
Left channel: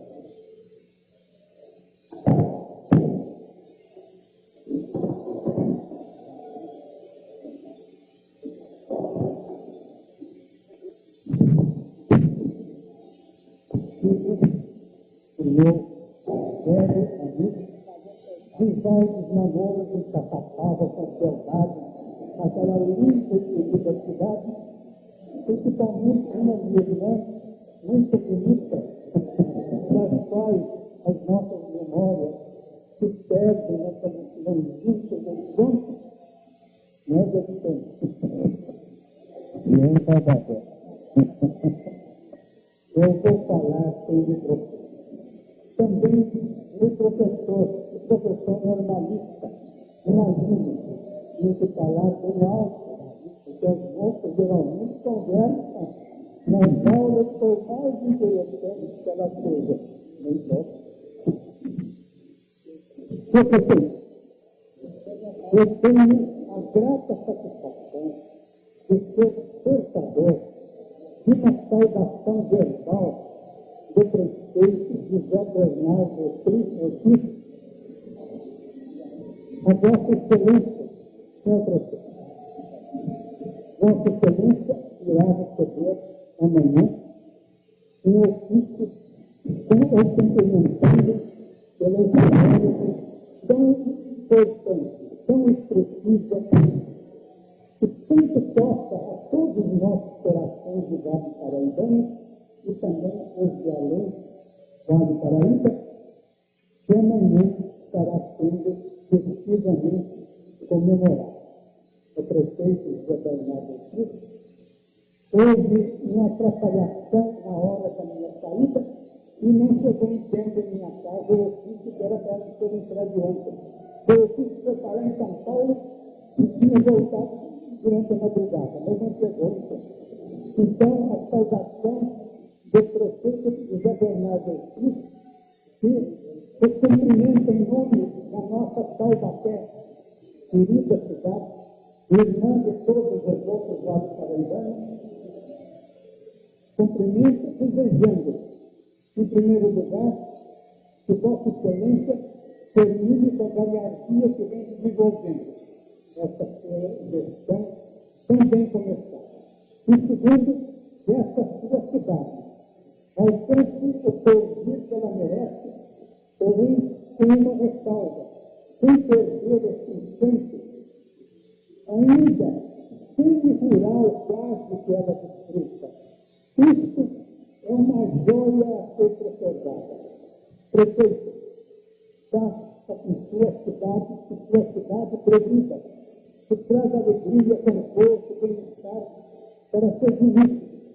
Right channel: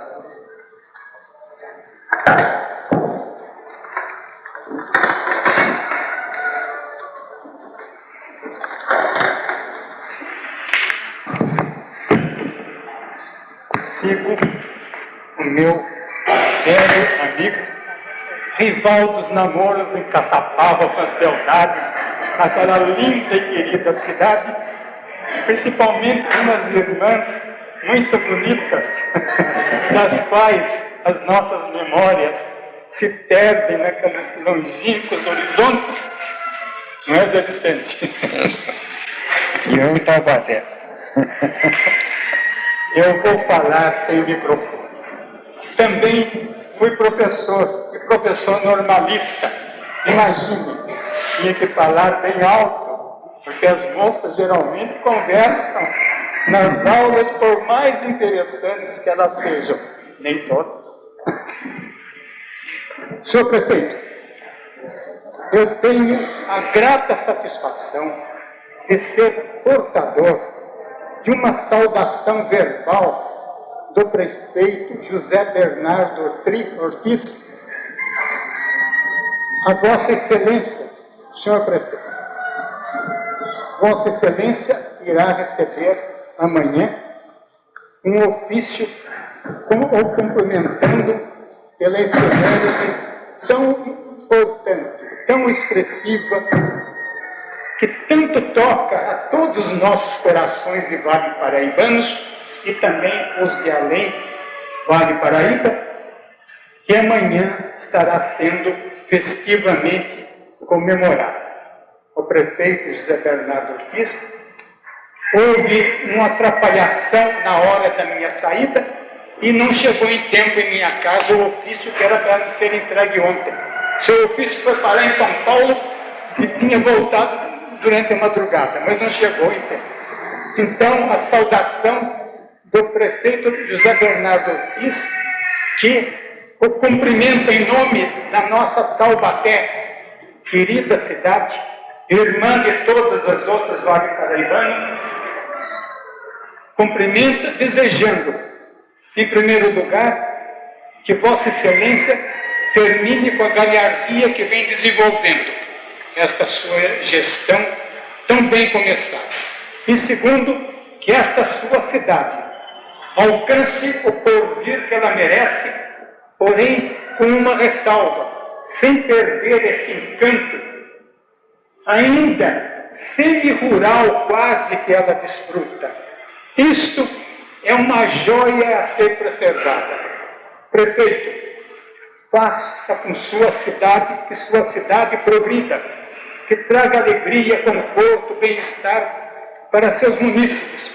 Sigo o meu velho amigo, rival dos namoros em Caçapava com as beldades, naquela linda e querida cidade, principalmente umas irmãs muito bonitas, das quais as nossas memórias se perdem naqueles longínquos horizontes, não é, Zé Vicente? E eu em Taubaté. Eu vou falar sem microfone. Também fui professor, e professor normalista. Imagine, tinha que falar bem alto, porque as moças geralmente conversam nas aulas, por mais interessantes que elas sejam. Nem todas. Senhor prefeito, eu tenho a grata satisfação de ser portador de uma saudação verbal do prefeito José Bernardo Ortiz, a Vossa Excelência, senhor prefeito. Vossa Excelência irá receber amanhã um ofício ou cumprimentando pela efeméride tão importante, tão expressiva, que tanto toca a todos os nossos corações de Vale Paraibanos e também os de além Vale Paraíba, que amanhã estará sendo festivamente comemorado. O prefeito José Bernardo Ortiz, houve uma atrapalhação na hora da minha saída e não chegou em tempo em minha casa o ofício que era para ser entregue ontem. Seu ofício foi parar em São Paulo e tinha voltado durante a madrugada, mas não chegou em tempo. Então, a saudação do prefeito José Bernardo Ortiz, que o cumprimenta em nome da nossa Taubaté, querida cidade, irmã de todas as outras Vale Paraibanas, cumprimenta desejando, em primeiro lugar, que Vossa Excelência termine com a galhardia que vem desenvolvendo esta sua gestão tão bem começada. E segundo, que esta sua cidade alcance o porvir que ela merece, porém com uma ressalva, sem perder esse encanto, ainda semi-rural quase que ela desfruta. Isto é uma joia a ser preservada. Prefeito, faça com sua cidade, que sua cidade progrida, que traga alegria, conforto, bem-estar para seus munícipes,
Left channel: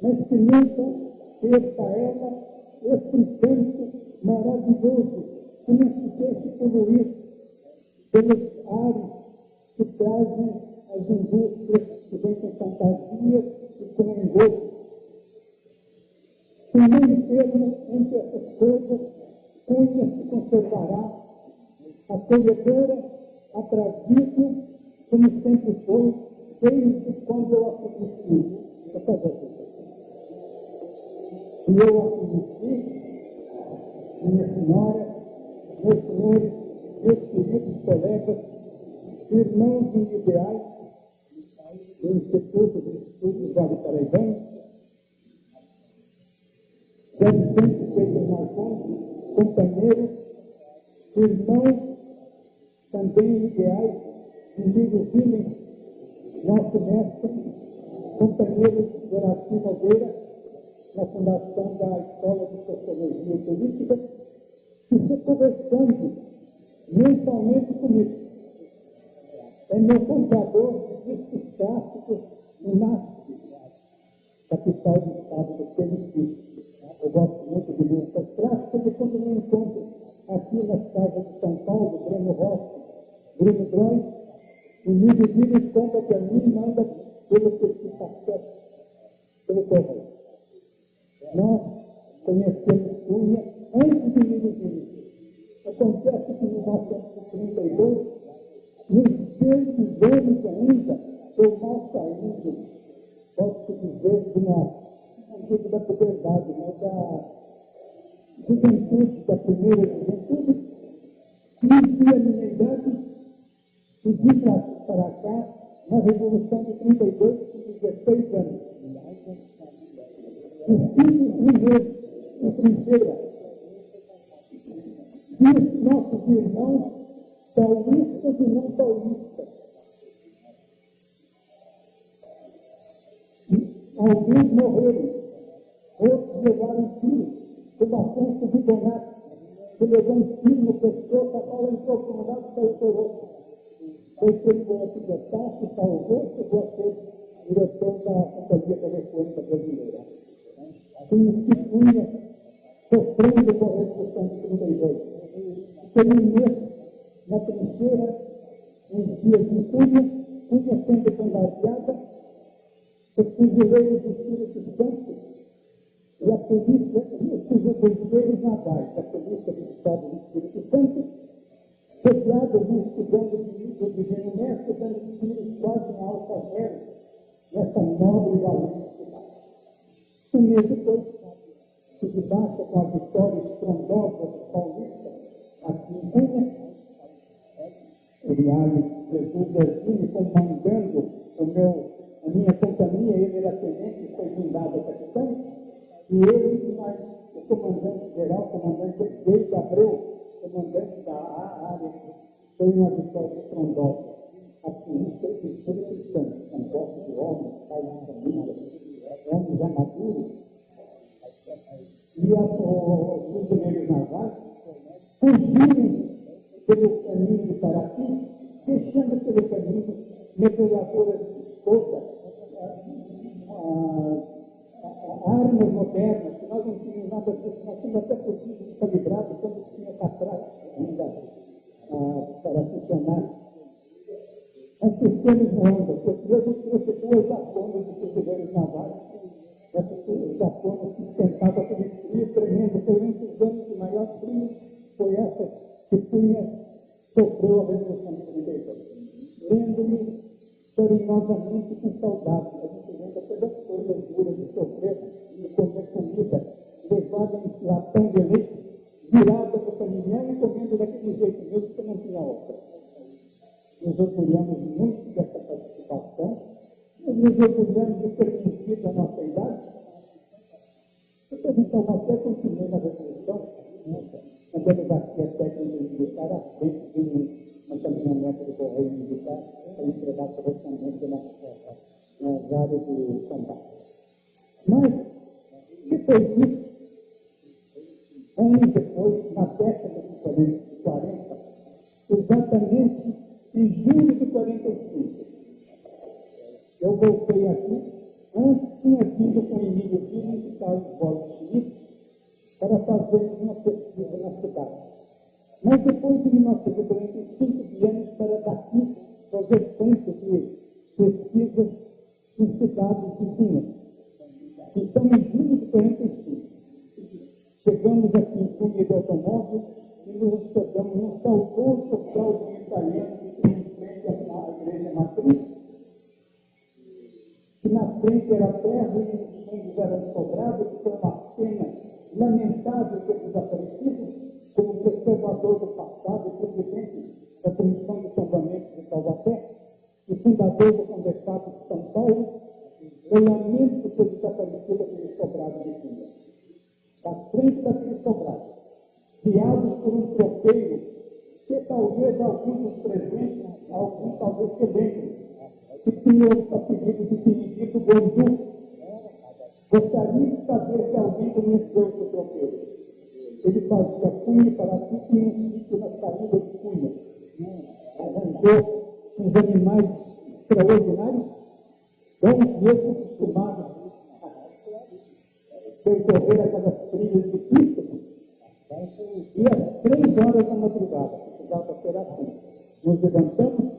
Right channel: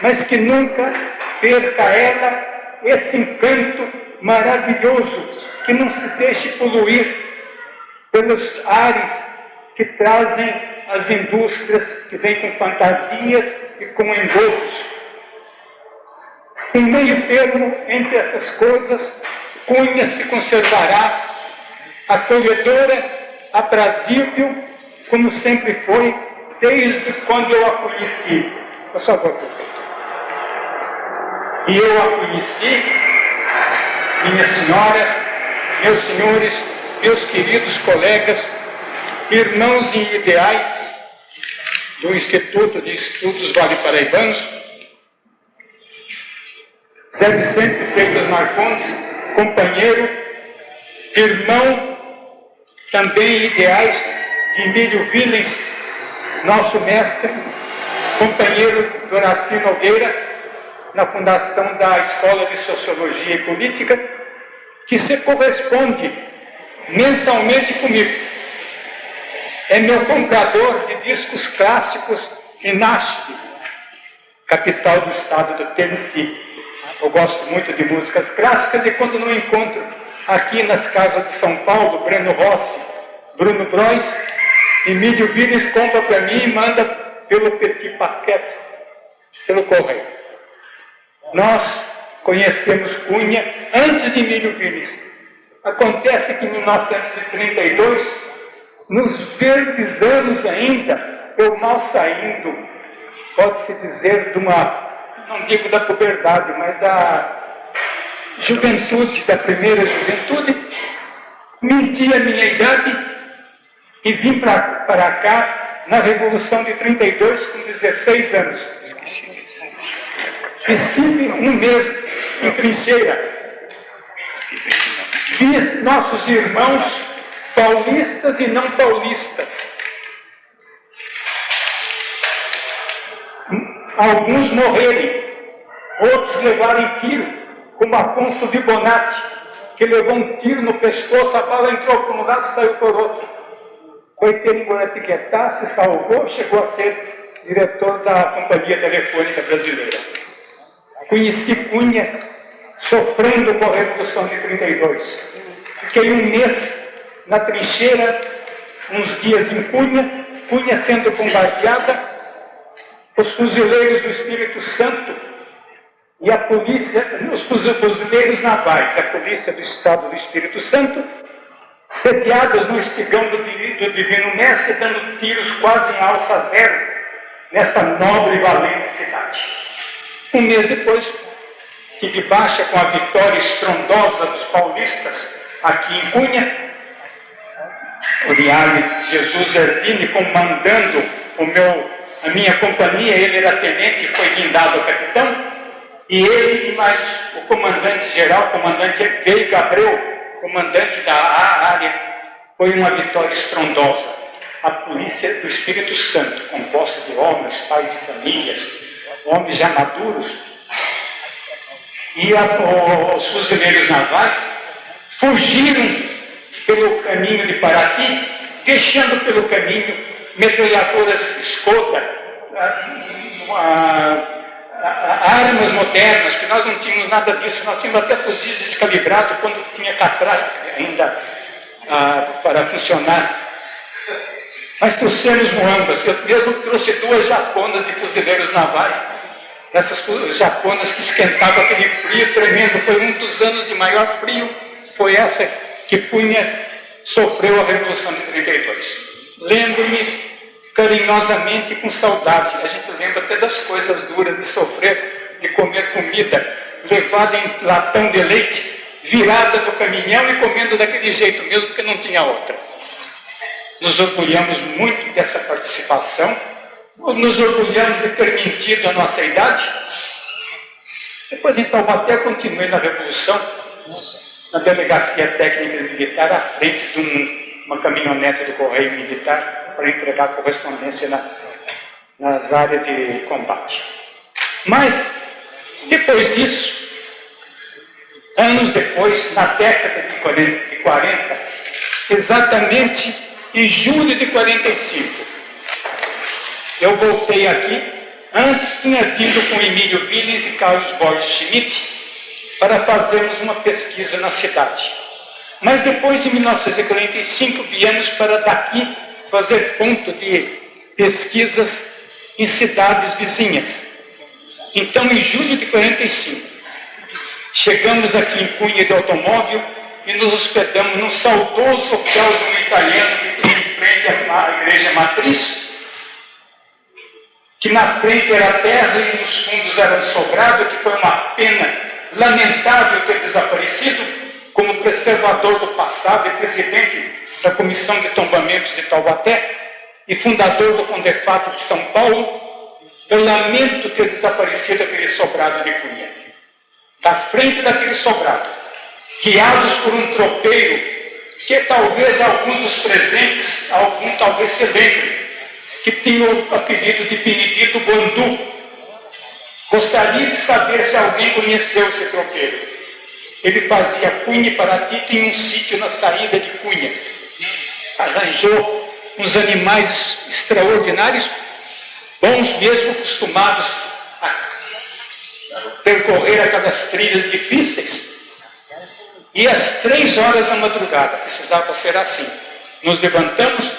mas que nunca perca ela esse encanto maravilhoso, que não se deixe poluir pelos ares que trazem as indústrias que vêm com fantasias e com engodos. Um meio termo entre essas coisas, Cunha se conservará acolhedora, aprazível, como sempre foi, desde quando eu a conheci. Por favor, prefeito. E eu a conheci, minhas senhoras, meus senhores, meus queridos colegas, irmãos em ideais do Instituto de Estudos Vale Paraibanos, Zé Vicente Freitas Marcondes, companheiro, irmão, também ideais de Emílio Willens, nosso mestre, companheiro do Horaci Nogueira, na fundação da Escola de Sociologia e Política, que se corresponde mensalmente comigo. É meu comprador de discos clássicos em Nashville, capital do estado do Tennessee. Eu gosto muito de músicas clássicas e quando não encontro aqui nas casas de São Paulo, Breno Rossi, Bruno Brois, Emílio Willens compra para mim e manda pelo Petit Paquete, pelo correio. Nós conhecemos Cunha antes de Emílio Willens. Acontece que em 1932 nos verdes anos ainda, eu mal saindo, pode-se dizer, de uma, não digo da puberdade, mas da juventude, da primeira juventude, menti a minha idade e vim para cá na Revolução de 32 com 16 anos. Estive um mês em trincheira. Vi nossos irmãos paulistas e não paulistas. Alguns morrerem, outros levarem tiro, como Afonso Vibonati, que levou um tiro no pescoço, a bala entrou por um lado e saiu por outro. Foi ter em Guaratinguetá, se salvou, chegou a ser diretor da Companhia Telefônica Brasileira. Conheci Cunha sofrendo com a Revolução de 32. Fiquei um mês na trincheira, uns dias em Cunha, Cunha sendo bombardeada, os fuzileiros do Espírito Santo e a polícia, os fuzileiros navais, a polícia do Estado do Espírito Santo, sediados no espigão do Divino Mestre, dando tiros quase em alça zero nessa nobre e valente cidade. Um mês depois, tive baixa com a vitória estrondosa dos paulistas aqui em Cunha. O Niale Jesus Ervini comandando a minha companhia, ele era tenente e foi guindado a capitão, e ele e mais o comandante-geral, comandante Veiga Abreu, comandante da área, foi uma vitória estrondosa. A polícia do Espírito Santo, composta de homens, pais e famílias, homens já maduros, e os fuzileiros navais fugiram pelo caminho de Paraty, deixando pelo caminho metralhadoras Skoda, armas modernas, que nós não tínhamos nada disso, nós tínhamos até fuzis descalibrados quando tinha catraca ainda para funcionar. Mas trouxemos muambas. Eu mesmo trouxe 2 japonas de fuzileiros navais, essas japonas que esquentavam aquele frio tremendo. Foi um dos anos de maior frio, foi essa que Cunha sofreu a Revolução de 32. Lembro-me carinhosamente e com saudade. A gente lembra até das coisas duras de sofrer, de comer comida levada em latão de leite, virada no caminhão e comendo daquele jeito mesmo, porque não tinha outra. Nos orgulhamos muito dessa participação, nos orgulhamos de ter mentido a nossa idade. Depois, em Taubaté, continuei na Revolução, na Delegacia Técnica Militar, à frente de uma caminhonete do Correio Militar, para entregar correspondência nas áreas de combate. Mas, depois disso, anos depois, na década de 40, exatamente em julho de 45, eu voltei aqui. Antes tinha vindo com Emílio Viles e Carlos Borges Schmidt para fazermos uma pesquisa na cidade. Mas depois, em 1945, viemos para daqui fazer ponto de pesquisas em cidades vizinhas. Então, em julho de 45, chegamos aqui em Cunha de automóvel e nos hospedamos num saudoso hotel de um italiano que tem em frente à igreja matriz, que na frente era terra e nos fundos era sobrado, que foi uma pena lamentável ter desaparecido, como preservador do passado e presidente da Comissão de Tombamentos de Taubaté e fundador do Condefato de São Paulo. Eu lamento ter desaparecido aquele sobrado de Cunha. Da frente daquele sobrado, guiados por um tropeiro, que talvez alguns dos presentes, algum talvez se lembrem, que tinha o apelido de Benedito Guandu. Gostaria de saber se alguém conheceu esse tropeiro. Ele fazia Cunha e Paraty em um sítio na saída de Cunha. Arranjou uns animais extraordinários, bons mesmo, acostumados a percorrer aquelas trilhas difíceis. E às 3 horas da madrugada, precisava ser assim, nos levantamos,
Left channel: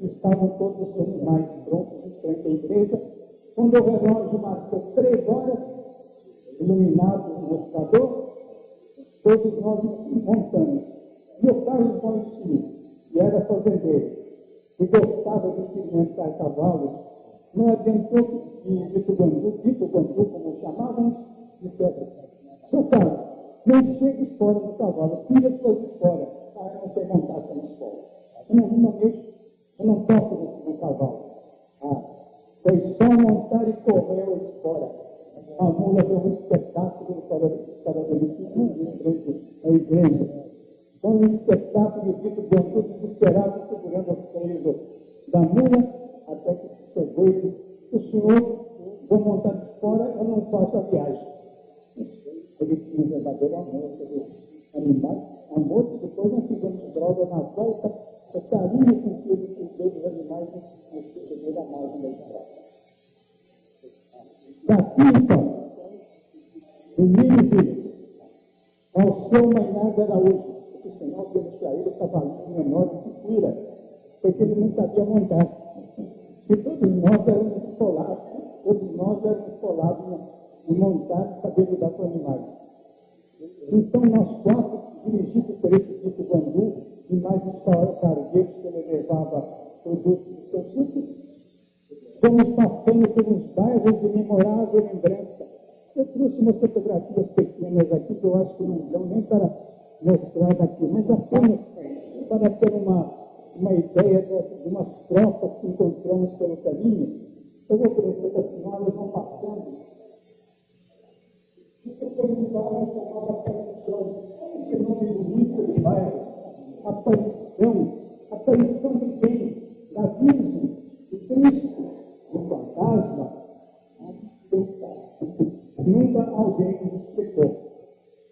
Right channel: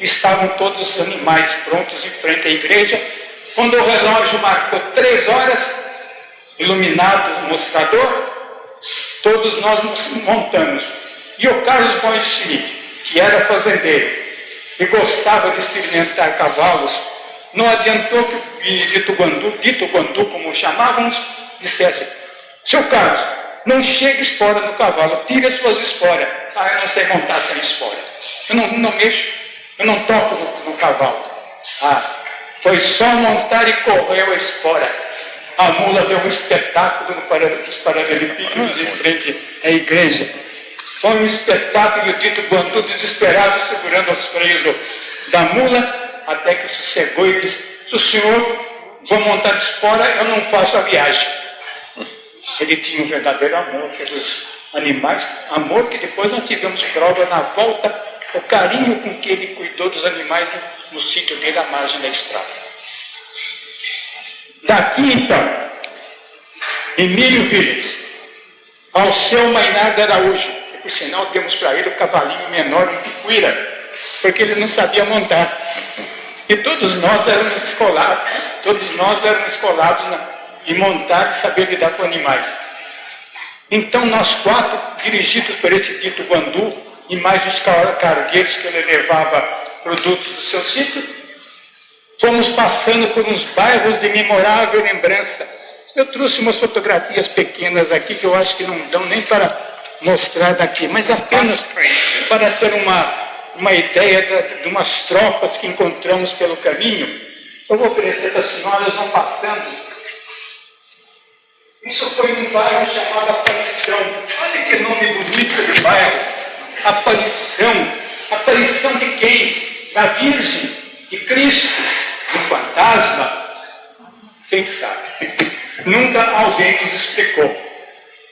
estavam todos os animais prontos em frente à igreja. Quando o relógio marcou 3 horas, iluminado o mostrador, todos nós nos montamos. E o Carlos Borges Schmidt, que era fazendeiro, e gostava de experimentar cavalos, não adiantou que o dito Guandu, como o chamávamos, dissesse: seu Carlos, não chegue espora no cavalo, tire as suas esporas. Ah, eu não sei montar sem espora. Eu não mexo, eu não toco no cavalo. Ah, foi só montar e correu a espora. A mula deu um espetáculo nos paralelepípedos em frente à igreja. Foi um espetáculo, e o dito Guandu desesperado, segurando os freios da mula, até que sossegou e disse: se o senhor vou montar de espora, eu não faço a viagem. Ele tinha um verdadeiro amor pelos animais, amor que depois nós tivemos prova na volta, o carinho com que ele cuidou dos animais no sítio dele à margem da estrada. Daqui então, Emílio Vilas, ao seu Mainardo Araújo, que por sinal temos para ele o cavalinho menor em Picuíra, porque ele não sabia montar. E todos nós éramos escolados em montar e saber lidar com animais. Então nós quatro, dirigidos por esse dito Guandu, e mais os cargueiros que ele levava produtos do seu sítio, fomos passando por uns bairros de memorável lembrança. Eu trouxe umas fotografias pequenas aqui, que eu acho que não dão nem para mostrar daqui, mas apenas para ter uma ideia de umas tropas que encontramos pelo caminho. Eu vou oferecer para as senhoras, vão passando. Isso foi um bairro chamado Aparição. Olha que nome bonito de bairro. Aparição. Aparição de quem? Da Virgem, de Cristo, do fantasma? Quem sabe? Nunca alguém nos explicou.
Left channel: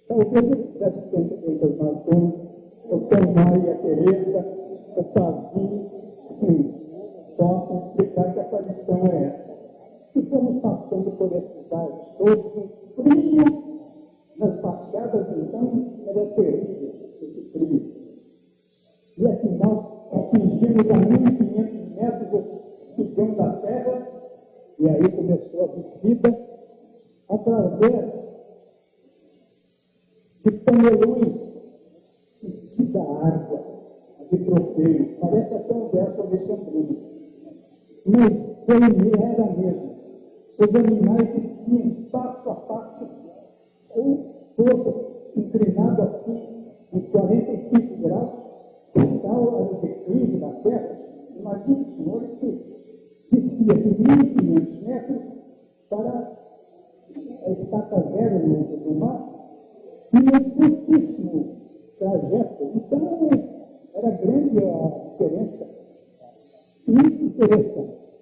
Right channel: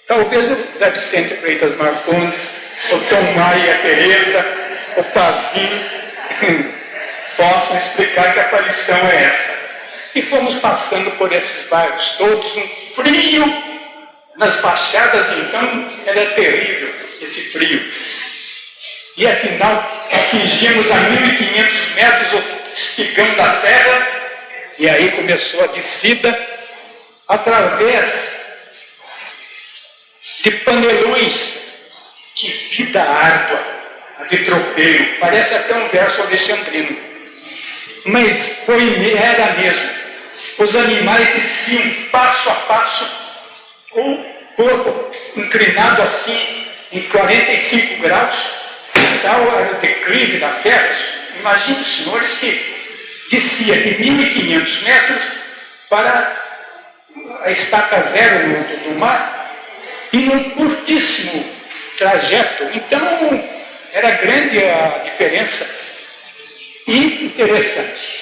Talvez o Zé Vicente Freitas Marcondes, o Tom Maia e a Tereza, o Pazinho, possam explicar que aparição é essa. E fomos passando por esses bairros todos, um frio nas baixadas, então era terrível esse frio. E afinal atingimos a 1.500 metros o espigão da serra, e aí começou a descida através de panelões. Que vida árdua, a de tropeiro, parece até um verso alexandrino, mas era mesmo. Os animais desciam passo a passo, com o corpo inclinado assim, em 45 graus, tal era o declive das serras. Imagine os senhores que descia de 1.500 metros para a estaca zero do mar, e num curtíssimo trajeto. Então, era grande a diferença. E interessante,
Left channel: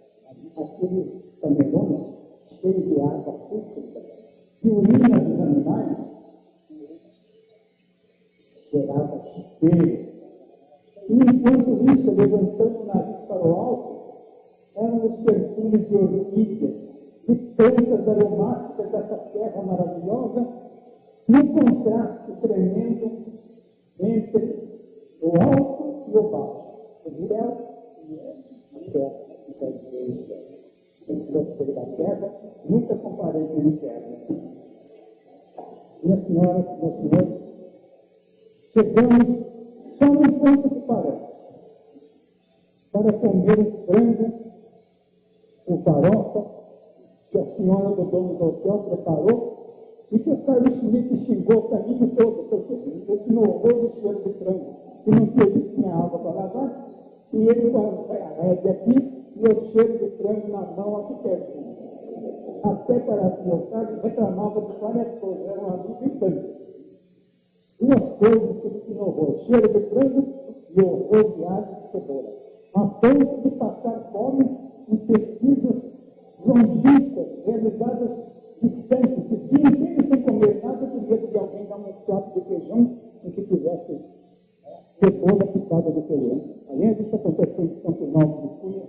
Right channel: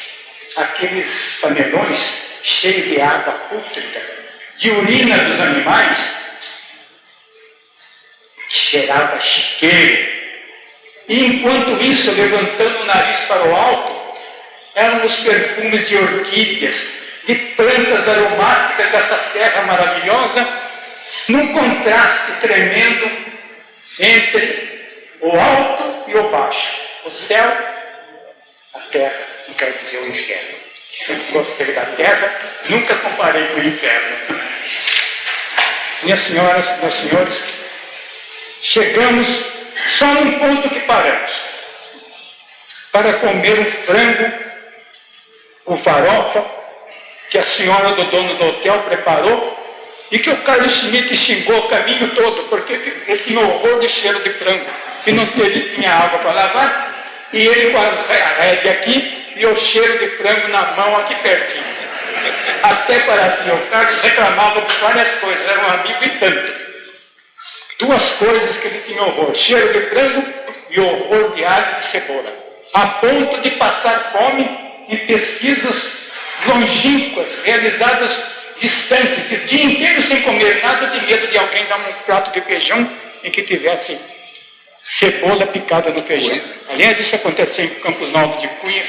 aqueles panelões cheios de água pútrida, de urina dos animais, cheirava chiqueiro. E enquanto isso, levantando o nariz para o alto, eram os perfumes de orquídeas, de plantas aromáticas dessa serra maravilhosa, num contraste tremendo entre o alto e o baixo, o céu, a terra, não quer dizer o inferno. Sempre gostei da terra, nunca comparei com o inferno. Minhas senhoras, meus senhores, chegamos só num ponto que paramos, para comer um frango com farofa, que a senhora do dono do hotel preparou, e que o Carlos Schmidt xingou o caminho todo, porque ele tinha horror de cheiro de frango, e não tinha água para lavar, e ele com a rédea aqui, e o cheiro de frango na mão aqui pertinho. Até para ti, o Carlos reclamava de várias coisas, era um amigo e tanto. Duas coisas que ele tinha horror: cheiro de frango e horror de alho e de cebola, a ponto de passar fome em pesquisas longínquas, realizadas distantes, de dia inteiro sem comer nada, de medo de alguém dar um prato de feijão em que tivesse cebola picada no feijão. Aliás, isso aconteceu em Campos Novos de Cunha,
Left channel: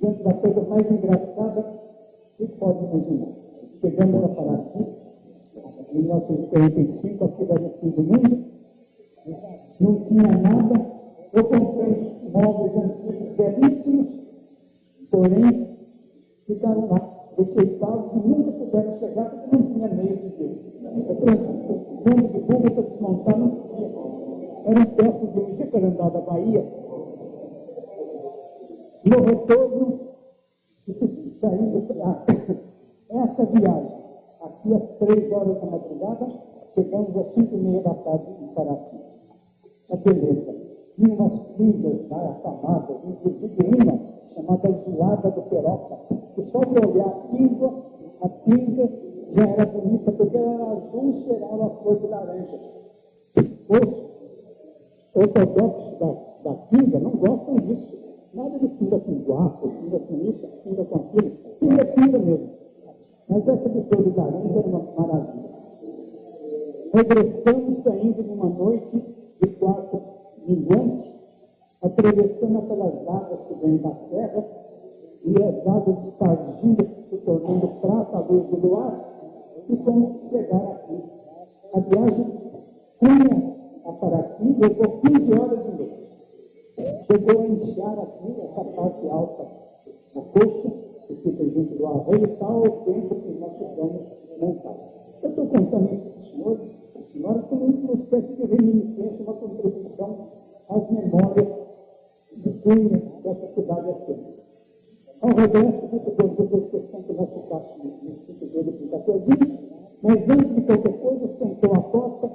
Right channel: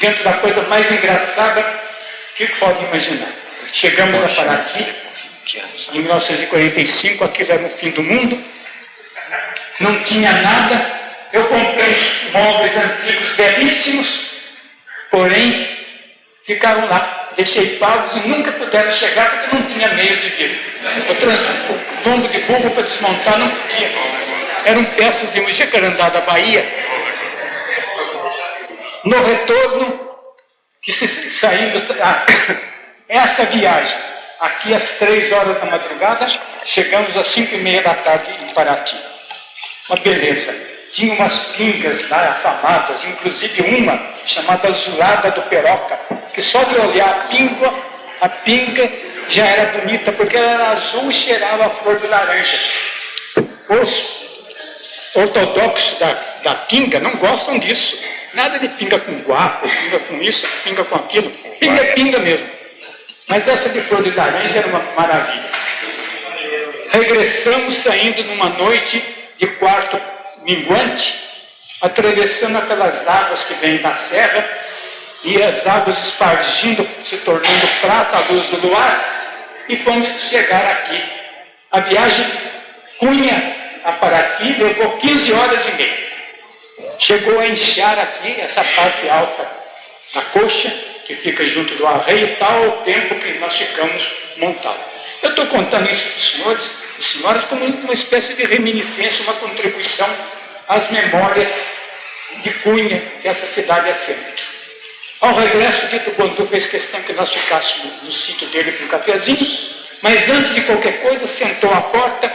dentro da coisa mais engraçada que pode imaginar. Chegamos a Paraty, em 1945, aquilo era o fim do mundo, não tinha nada. Eu comprei uns móveis antigos belíssimos, porém ficaram lá, deixei pagos e nunca puderam chegar porque não tinha meios de vir. O lombo de burro para desmontar não podia. Eram peças de um Jacarandá da Bahia. No retorno, saímos, essa viagem, aqui às 3 horas da madrugada, chegamos às 5h30 da tarde em Paraty. Uma beleza. Tinha umas pingas lá afamadas, inclusive uma chamada Azulada do Peroca, que só de olhar a pinga já era bonita, porque ela era azul e cheirava a flor de laranja. Os ortodoxos da pinga não gostam disso. Nada de pinga com guapo, pinga com isso, pinga com aquilo. Pinga é pinga mesmo. Mas essa de flor de laranja era uma maravilha. Regressamos saindo numa noite de quarto minguante, atravessando aquelas águas que vêm da serra, e as águas espargindo, se tornando prata à luz do luar, e fomos chegar aqui. A viagem Cunha a Paraty levou 15 horas e meia. Chegou a inchar aqui, essa parte alta da coxa, que fica junto do arreio, tal o tempo que nós ficamos montados. Eu estou contando isso para os senhores e senhoras como uma espécie de reminiscência, uma contribuição às memórias de Cunha, que essa cidade é sempre. Ao regresso, Tito Bondu fez questão que nós ficássemos no sítio dele com um cafezinho, mas antes de qualquer coisa, sentou à porta,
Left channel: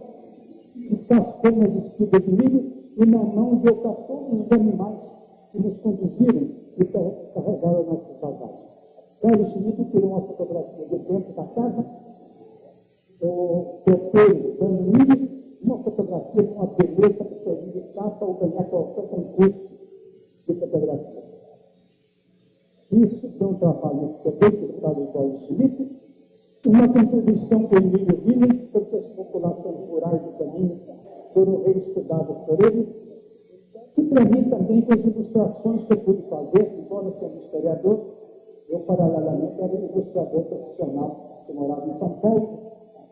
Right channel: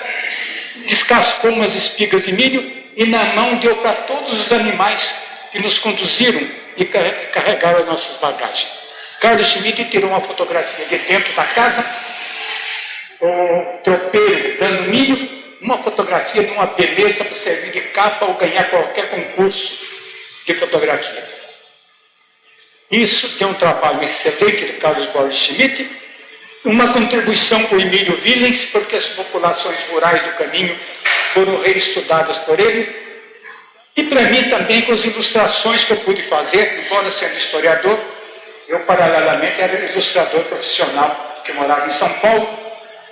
descascou umas espigas de milho e na mão deu para todos os animais que nos conduziram e carregaram as nossas bagagens. Carlos Schmidt tirou uma fotografia de dentro da casa, o tropeiro dando milho, uma fotografia de uma beleza para servir de capa ou ganhar qualquer concurso de fotografia. Isso tem um trabalho excelente de Carlos Borges Schmidt, uma contribuição com o Emílio Willens, porque as populações rurais do caminho foram reestudadas por ele, e para mim também com as ilustrações que eu pude fazer, embora sendo historiador, eu paralelamente era ilustrador profissional, que morava em São Paulo,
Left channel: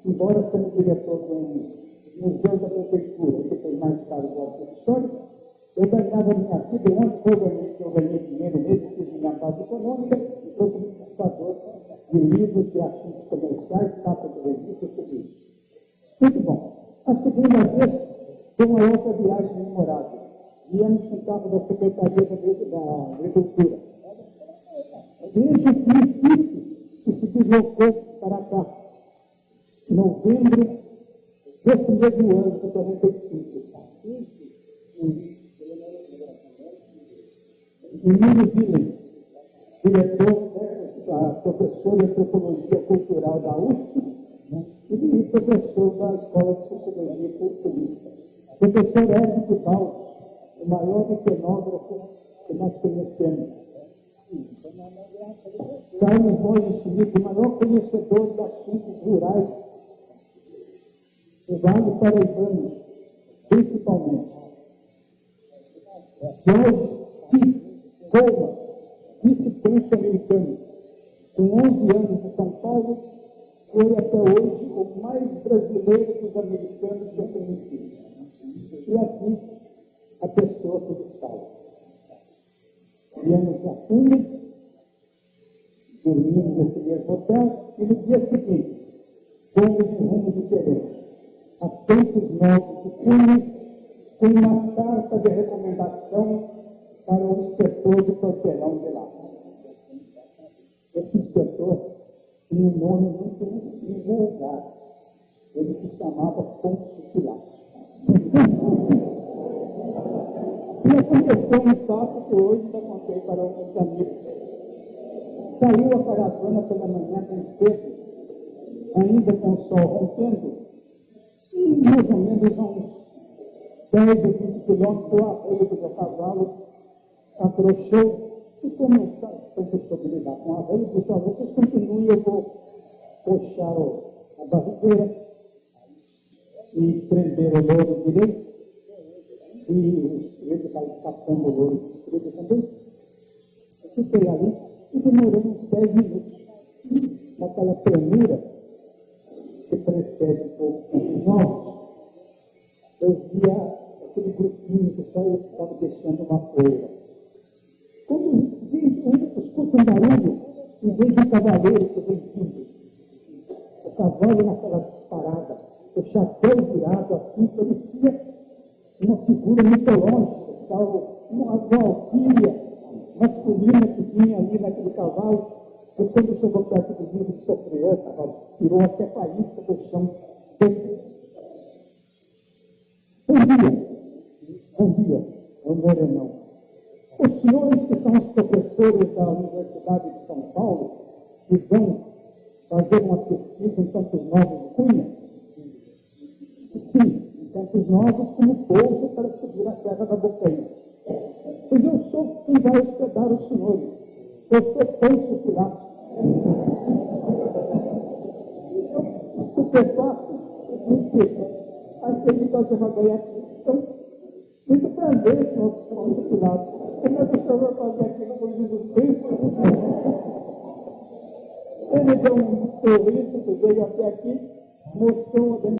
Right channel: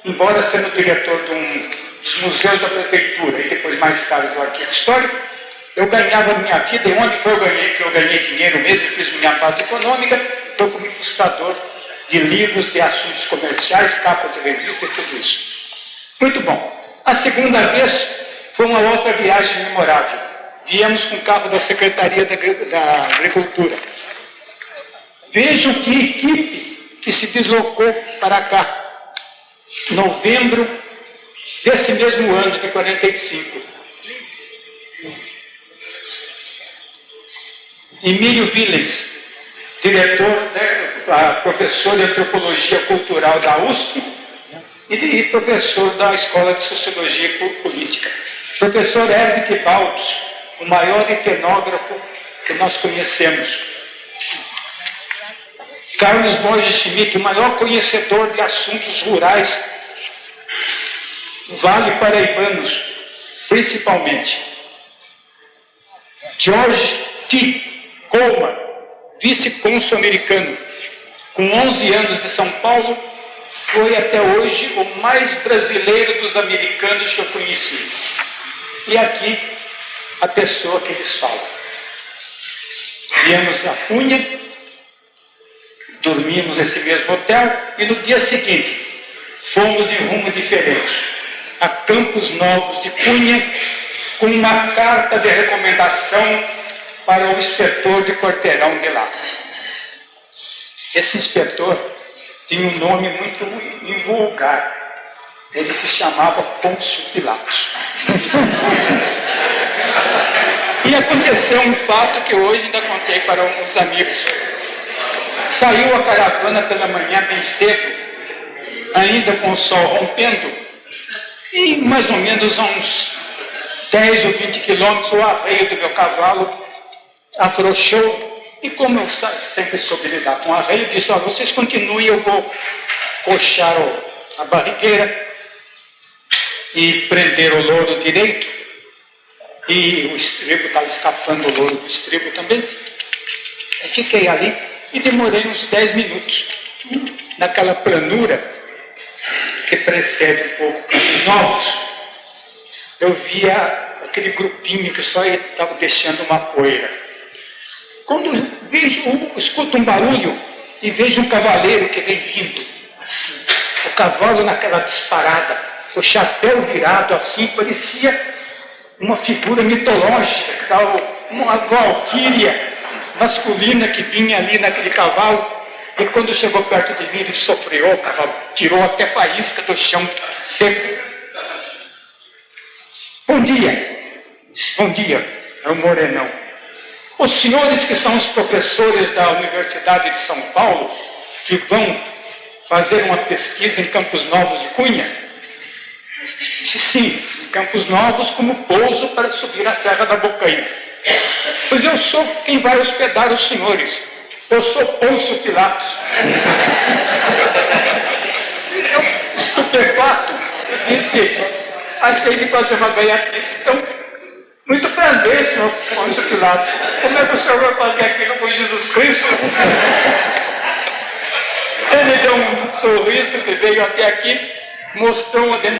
embora sendo diretor dos museus da prefeitura e depois mais tarde do arquivo histórico, eu ganhava a minha vida, e onde foi que eu ganhei dinheiro mesmo, fiz minha base econômica, foi como ilustrador de livros, de assuntos comerciais, capas de revista e tudo isso. Muito bom. A segunda vez foi uma outra viagem memorável. Viemos com o carro da Secretaria da Agricultura. Vejam que equipe que se deslocou para cá. Novembro desse mesmo ano, de 45. Emílio Willens, diretor, professor de Antropologia Cultural da USP e professor da Escola de Sociologia Política. Professor Herbert Baldos, o maior etnógrafo que nós conhecemos. Carlos Borges Schmidt, o maior conhecedor de assuntos rurais, do Vale Paraibanos, principalmente. George T. Coleman, vice-cônsul americano, com 11 anos de São Paulo, foi até hoje o mais brasileiro dos americanos que eu conheci. E aqui, a pessoa que eles falam. Viemos a Cunha, dormimos nesse mesmo hotel, e no dia seguinte, fomos em rumo diferente, a Campos Novos de Cunha, com uma carta de recomendação para o inspetor de quarteirão de lá. Esse inspetor tinha um nome muito invulgar. Ele se chamava Pôncio Pilatos. E aconteceu um fato que hoje ainda contei para uns amigos. Saiu a caravana pela manhã bem cedo, ainda com o sol rompendo, e mais ou menos a uns 10 ou 20 quilômetros, o arreio do meu cavalo afrouxou, e como eu sempre soube lidar com o arreio, disse: ó, vocês continuem, eu vou coxar a barrigueira e prender o louro direito, e o estribo estava escapando, o louro do estribo também. Eu fiquei ali e demorei uns 10 minutos naquela planura que precede um pouco Campos Novos. Eu via aquele grupinho que só estava deixando uma poeira. Quando escuto um barulho e vejo um cavaleiro que vem vindo, assim, o cavalo naquela disparada, o chapéu virado assim, parecia uma figura mitológica, uma valquíria masculina que vinha ali naquele cavalo, e quando chegou perto de mim, ele sofreou o cavalo, tirou até faísca do chão seco. Bom dia. Bom dia, é o Morenão. Os senhores que são os professores da Universidade de São Paulo, que vão fazer uma pesquisa em Campos Novos de Cunha? Disse, sim, em Campos Novos, como pouso para subir a Serra da Bocaina. Pois eu sou quem vai hospedar os senhores. Eu sou Pôncio Pilatos. Eu, estupefato, disse, achei de fazer uma gaiatice. Então, muito prazer, senhor Pôncio Pilatos. Como é que o senhor vai fazer aquilo com Jesus Cristo? Ele deu um sorriso que veio até aqui, mostrou uma